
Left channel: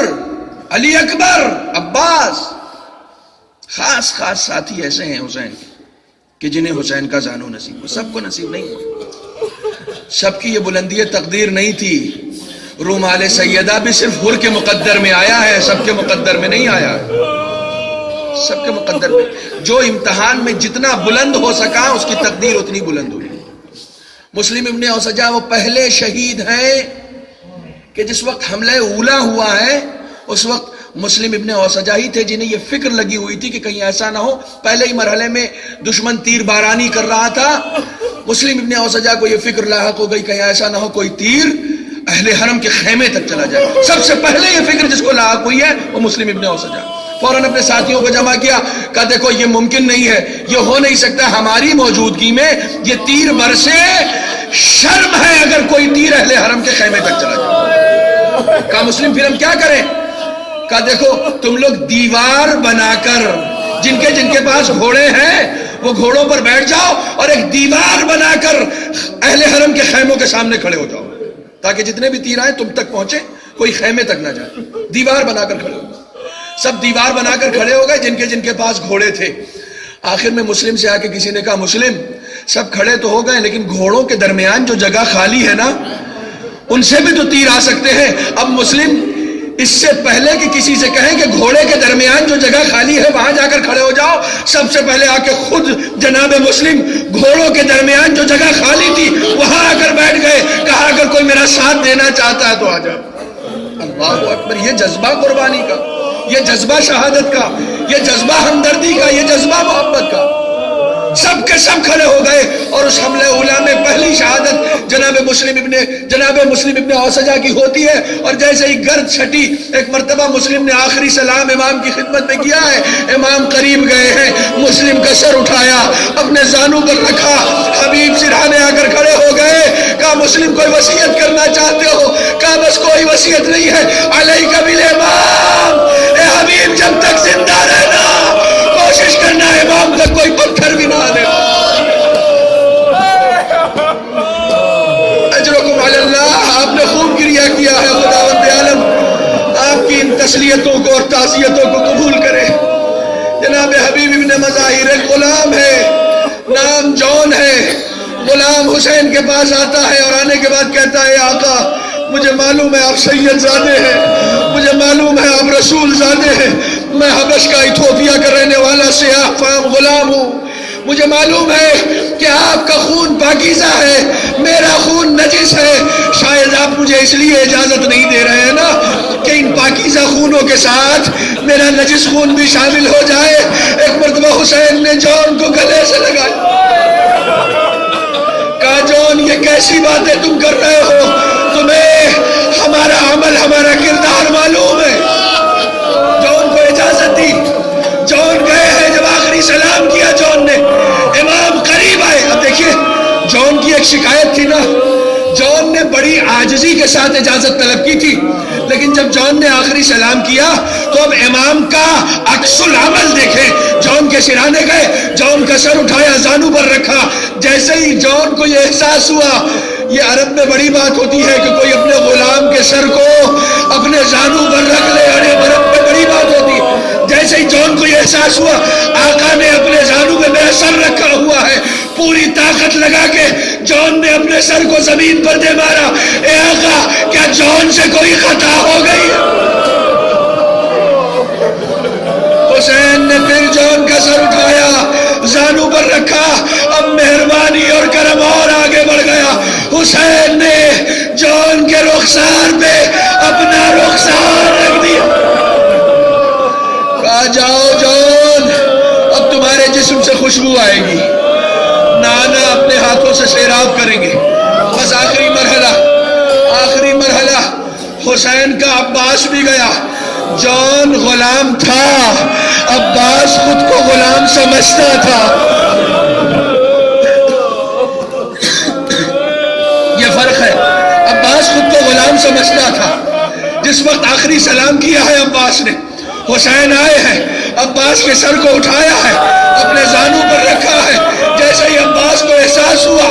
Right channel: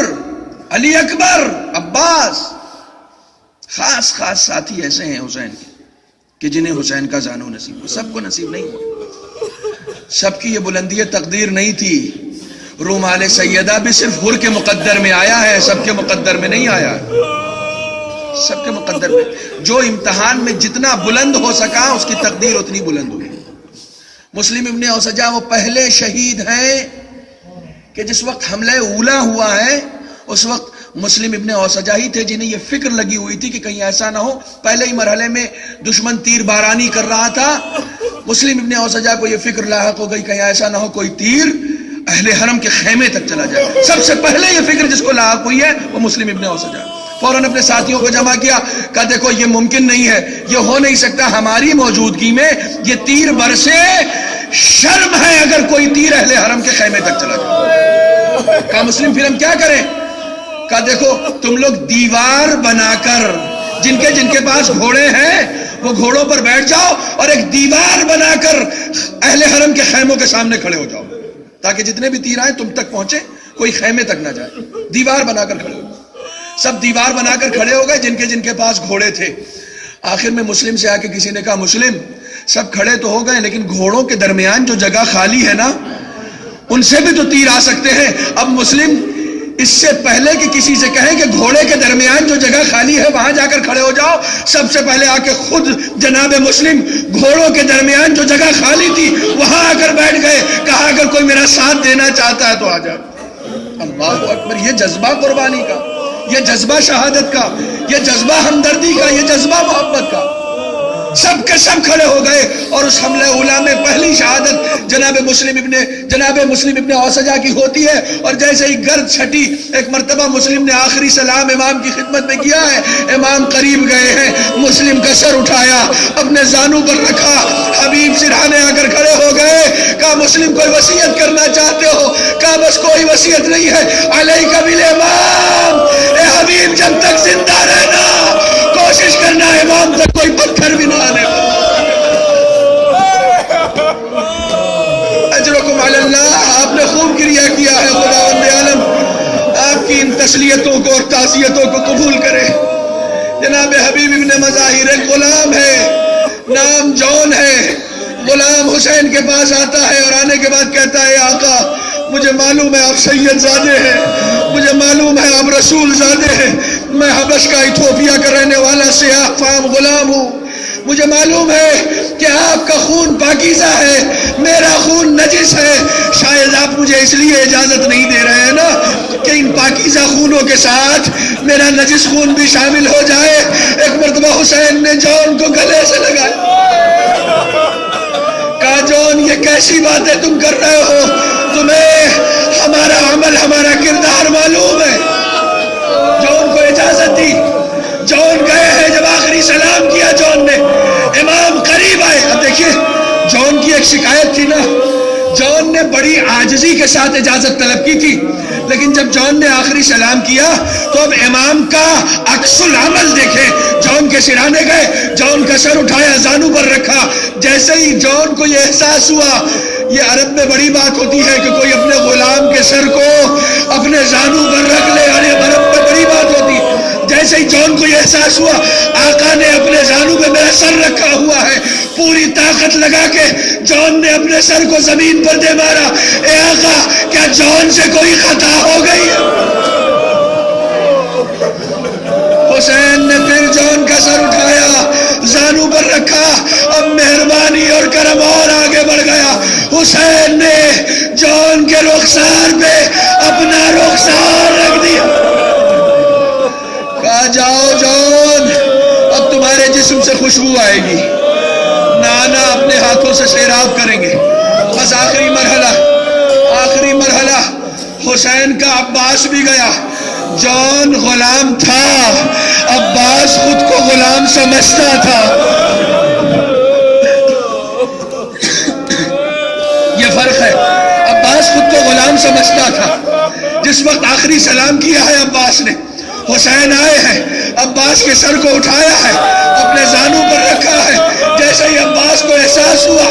علی اکبر، عباس، خاص خاص ساتھی ایسے ہیں حسین کے کہ جنہیں حسین کا زانو نصیب ہوا. سب کو نصیب نہیں ہوا. سب کی یہ بلندی تقدیر نہیں تھی. رومال سیدہ بھی صرف حر کے مقدر میں آیا ہے، سب کے مقدر میں نہیں آیا ہے. سب کے مقدر میں جو امتحان میں جتنا بلند ہو سکا اس کی تقدیر اتنی بلند ہوئی. مسلم ابن اوسجا وہ پہلے شہید ہیں کہ جس وقت حملہ اولا ہوا ہے اس وقت مسلم ابن اوسجا ہی تھے جنہیں یہ فکر لگی ہوئی تھی کہ کہیں ایسا نہ ہو. پہلے ہی مرحلے میں دشمن تیر بارانی کر رہا تھا. مسلم ابن اوسجا کو یہ فکر لاحق ہو گئی کہیں ایسا نہ ہو کوئی تیر اہل حرم کے خیمے تک چلا جائے. سب سے پہلے یہ فکر جس کو لاحق ہوئی ہے وہ مسلم ابن اوسجا. فوراً اپنے ساتھیوں کو جمع کیا، کہا دیکھو یہ ممکن نہیں ہے، یہ ہو نہیں سکتا ہماری موجودگی میں یہ تیر برسے. شرم ہے اگر کوئی تیر اہل حرم کے خیمے تک چلا جائے. کہا مسلم پھر ہم کیا کریں؟ کہا دیکھو تم لوگ دیوار بنا کر، جن کے پاس گھوڑے ہیں وہ گھوڑوں پر بیٹھ جاؤ اور ایک دیوار بنا کر اہل حرم کے خیموں کے سامنے کھڑے ہو جاؤ تاکہ جتنے بھی تیر آئیں تم تک پہنچے، کوئی خیمے تک نہ جائے. دیوار بنا کر کھڑے ہو. سب دیوار بنا کر کھڑے ہو گئے جن کے پاس گھوڑے تھے. آخر میں مسلم سے آ کے کسی نے کہا مسلم سب کھڑے تو ہو گئے لیکن گھوڑوں کے درمیان جو جگہ خالی ہے نا ان سے بھی تو تیر آ سکتے ہیں. اب مسلم اس سے پہلے کہ کسی سے کہیں کہ گھوڑے کے درمیان جو جگہ خالی ہے وہاں جا کر کھڑے ہو جاؤ، سب سے پہلے آ کے خود جناب مسلم گھوڑوں کے درمیان جو جگہ خالی تھی وہاں آ کر بیٹھ گئے. کہا اگر کوئی میرا ساتھ دینا چاہتا ہے تو آ جاؤ. اللہ اکبر. یہ جذبہ قربانی کا، یہ جذبہ شہادت کا، یہ جذبہ ہمدردی کا، یہ جذبہ محبت کا. سب کے سب کھڑے ہو گئے اور اس حملہ اولا میں پہلی شہادت جناب مسلم ابن اوسجہ کی ہوتی ہے، اور جیسے ہی گرد چھٹی ایک مرتبہ مسلم نے آخری سلام امام کی خدمت میں کیا ہے، امام قریب گئے ہیں، مسلم کا سر اٹھایا، اپنے زانوں پر رکھا، حبیب سرہانے آ کر کھڑے ہو گئے، کہا مسلم کوئی وصیت کرنا چاہتے ہو؟ کہا بس کوئی وصیت نہیں ہے، علیک بالامام، اے حبیب جب تک زندہ رہنا کوشش کرنا امام تک کوئی پتھر بھی نہ آنے۔ اجرکم علی اللہ، آپ نے خوب گریہ کیا ہے، خداوند عالم آپ کی ان تسلیتوں کو اور تعزیتوں کو قبول کرے۔ جناب حبیب ابن مظاہر ایک غلام ہے، نام جون ہے، غلام حسین کے پاس آتا ہے اور آنے کے بعد کہتا ہے آقا مجھے معلوم ہے آپ سید زادے ہیں، مجھے معلوم ہے آپ رسول زادے ہیں، میں حبش کا ایتھوپیا کا رہنے والا سیاہ فام غلام ہوں، مجھے معلوم ہے کہ آپ کا خون پاکیزہ ہے، میرا خون نجس ہے، شاید آپ مجھے اس لیے اجازت نہیں دے رہے ہیں نا کہ ان پاکیزہ خونوں کے ساتھ میرا نجس خون بھی شامل ہو جائے۔ ایک مرتبہ حسین نے جون کو گلے سے لگایا، کہا جون یہ کیسی باتیں تم کر رہے ہو، تمہیں ہمارا عمل ہمارا کردار معلوم ہے۔ جون کو اجازت دی، جون گئے ہیں، جب آخری سلام کیا جون نے، امام قریب آئے۔ اب دیکھیے جون کی ایک شکایت تھی نا، جون نے بڑی عاجزی کے ساتھ اجازت طلب کی تھی، لیکن جب جون نے آخری سلام کیا تو اب امام کا عکس العمل دیکھیں، جون کے سرانے گئے، جون کا سر اٹھایا، زانو پر رکھا، جیسے ہی جون کو یہ احساس ہوا، یہ عرب میں بڑی بات ہوتی ہے کہ کوئی اپنے غلام کے سر کو اپنے زانو پر رکھ لے، اور یہ عرب میں بڑی بات ہوتی ہے، جیسے ہی جون کو یہ احساس ہوا آقا نے اپنے زانو پہ میرا سر رکھا ہوا ہے، پوری طاقت لگا کے جون نے اپنے سر کو زمین پر دے مارا، اے آقا کیا جون سے کوئی خطا ہو گئی ہے؟ حسین نے پھر جون کا سر اٹھایا، زانو پر رکھا، اب مہربانی اور کرم اور آگے بڑھ گیا، حسین نے جون کے رخسار پہ اپنا رخسار رکھ دیا، کہا جاؤ جون اب تمہارے جسم سے خوشبو آئے گی، نانا اپنے ہاتھوں سے سیراب کریں گے، بس آخری مرحلہ حسین کا عباس بھی گیا، جون غلام تھا، عباس خود کو غلام سمجھتا تھا، یہ فرق ہے، عباس خود کو غلام سمجھتا تھا۔ جس وقت آخری سلام کیا ہے عباس نے، حسین آئے ہیں، عباس کے سر کو اٹھایا ہے، اپنے زانو پر رکھا ہے، جیسے ہی عباس کو احساس ہوا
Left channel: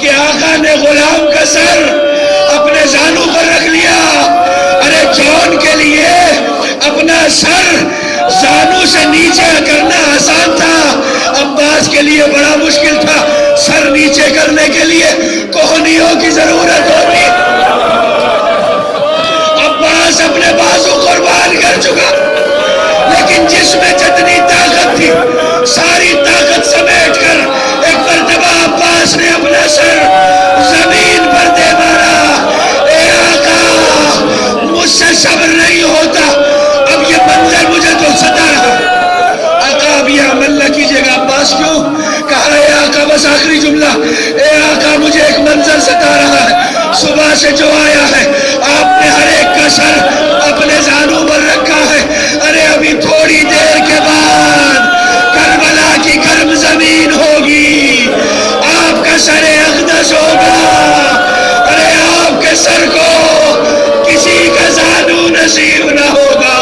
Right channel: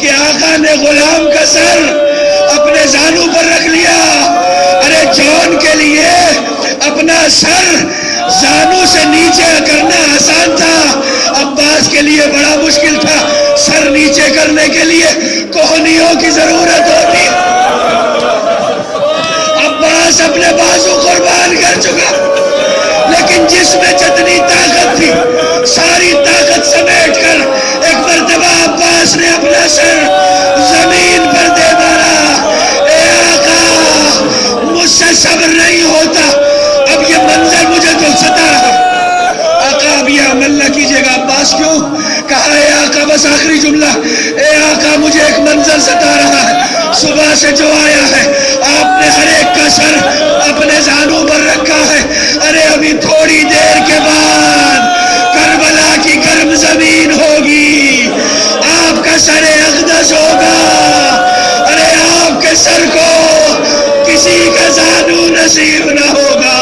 کہ آقا نے غلام کا سر اپنے زانو پر رکھ لیا، ارے جون کے لیے اپنا سر زانو سے نیچے کرنا آسان تھا، عباس کے لیے بڑا مشکل تھا، سر نیچے کرنے کے لیے کوہنیوں کی ضرورت ہوتی، عباس اپنے بازو قربان کر چکا، لیکن جس میں جتنی طاقت تھی ساری طاقت سمیٹ کر ایک مرتبہ عباس نے اپنا سر زمین پر دے مارا، اے آقا مجھ سے صبر نہیں ہوتا، اب یہ منظر مجھے تو ستا رہا، آقا اب یہ عمل نہ کیجئے گا۔ عباس کیوں؟ کہا اے آقا بس آخری جملہ، اے آقا مجھے ایک منظر ستا رہا ہے، صبح سے جو آیا ہے آپ نے ہر ایک کا سر اپنے زانوں پر رکھا ہے، ارے ابھی تھوڑی دیر کے بعد کربلا کی گرم زمین ہوگی، آپ کا سر اقدس ہوگا، ارے آپ کے سر کو کسی کا زانو نصیب نہ ہوگا،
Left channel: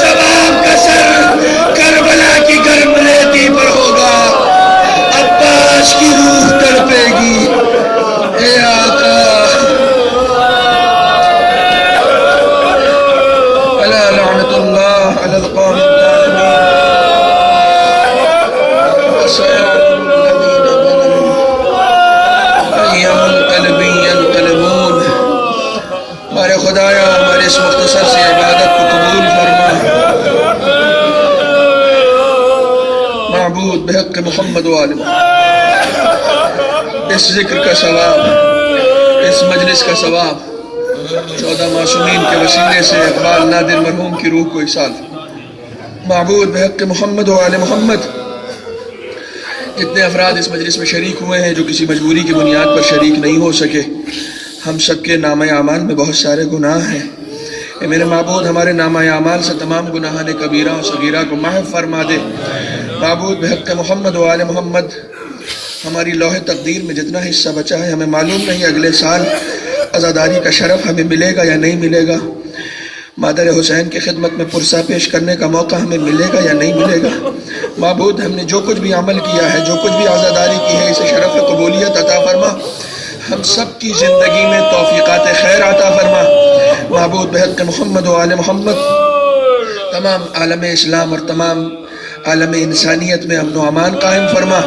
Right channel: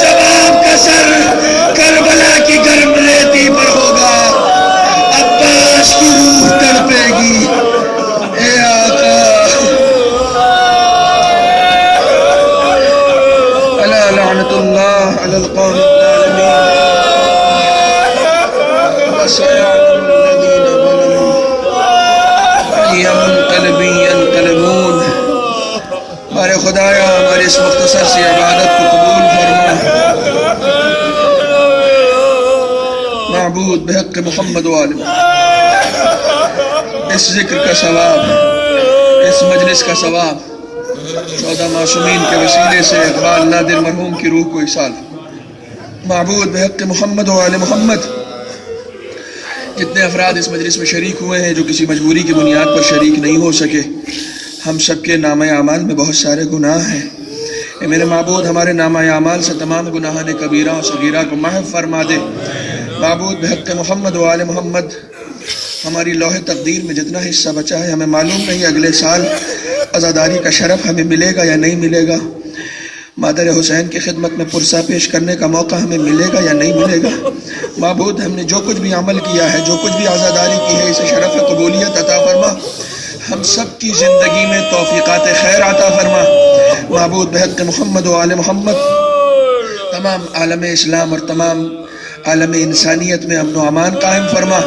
جب آپ کا سر کربلا کی گرم ریتی پر ہوگا، عباس کی روح تڑپے گی، اے آقا الا لعنت اللہ علی القوم الظالمین وسيعلم الذين ظلموا أي منقلب ينقلبون۔ ہمارے خدایا ہمارے اس مختصر سی عبادت کو قبول فرما، معبود بحق محمد و آل محمد، اس ذکر کا ثواب، اس مجلس کا ثواب 14 معصومین کے وسیلے سے اقبال نادر مرحوم کی روح کو ایصال۔ معبود بحق محمد و آل محمد، جتنے افراد اس مجلس میں شریک ہوئے ہیں جو کسی مجبوری کی بنیاد پر شریک نہیں ہو سکے، ہم سب کے نامہ اعمال میں بہت سارے گناہ ہیں۔ اے میرے معبود، ہمارے نامہ اعمال سے تمام گناہان کبیرہ اور صغیرہ کو محو فرما دے۔ معبود، بحق محمد و آل محمد، ہماری لوح تقدیر میں جتنا حصہ بچا ہے ہمیں معلوم نہیں اگلے سال عزاداری کا شرف ہمیں ملے گا یا نہیں ملے گا، مادر حسین کی خدمت میں پرسہ پیش کرنے کا موقع ہمیں ملے گا یا نہیں ملے گا۔ معبود، ہم نے جو کچھ بھی عمل کیا ہے، جو کچھ بھی عزاداری کی ہے، اسے شرف قبولیت عطا فرما، ہم سب کی زندگی میں توفیقات خیر عطا فرما۔ معبود، بحق محمد و آل محمد، تمام عالم اسلام اور تمام عالم انسانیت میں امن و امان قائم فرما۔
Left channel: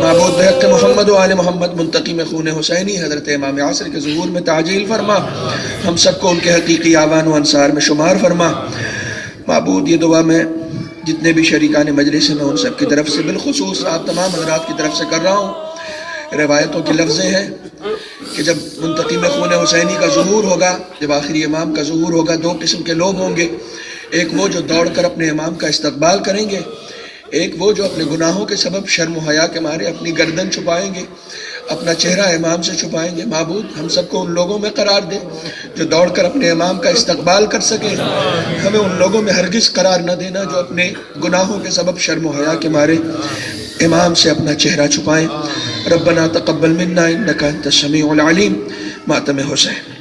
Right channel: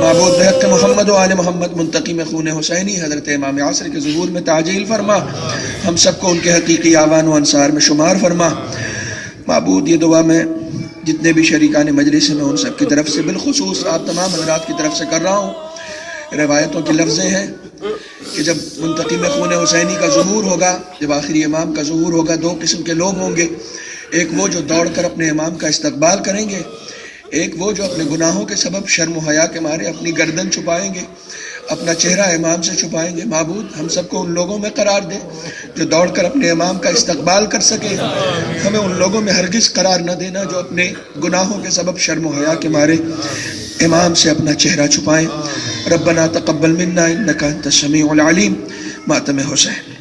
معبود، بحق محمد و آل محمد، منتقم خون حسینی حضرت امام عصر کے ظہور میں تعجیل فرما، ہم سب کو ان کے حقیقی آوان و انصار میں شمار فرما۔ معبود، یہ دعا میں جتنے بھی شریکان مجلس ہیں میں ان سب کی طرف سے، بالخصوص آپ تمام حضرات کی طرف سے کر رہا ہوں۔ روایتوں کی لفظیں ہیں کہ جب منتقم خون حسینی کا ظہور ہوگا، جب آخری امام کا ظہور ہوگا، دو قسم کے لوگ ہوں گے، ایک وہ جو دوڑ کر اپنے امام کا استقبال کریں گے، ایک وہ جو اپنے گناہوں کے سبب شرم و حیا کے مارے اپنی گردن چھپائیں گے، اپنا چہرہ امام سے چھپائیں گے۔ معبود، ہم سب کو ان لوگوں میں قرار دے جو دوڑ کر اپنے امام کا استقبال کر سکے، ہمیں ان لوگوں میں ہرگز قرار نہ دینا جو اپنے گناہوں کے سبب شرم و حیا کے مارے امام سے اپنا چہرہ چھپائیں۔ ربنا تقبل منا انک انت السمیع العلیم۔ ماتم حسین۔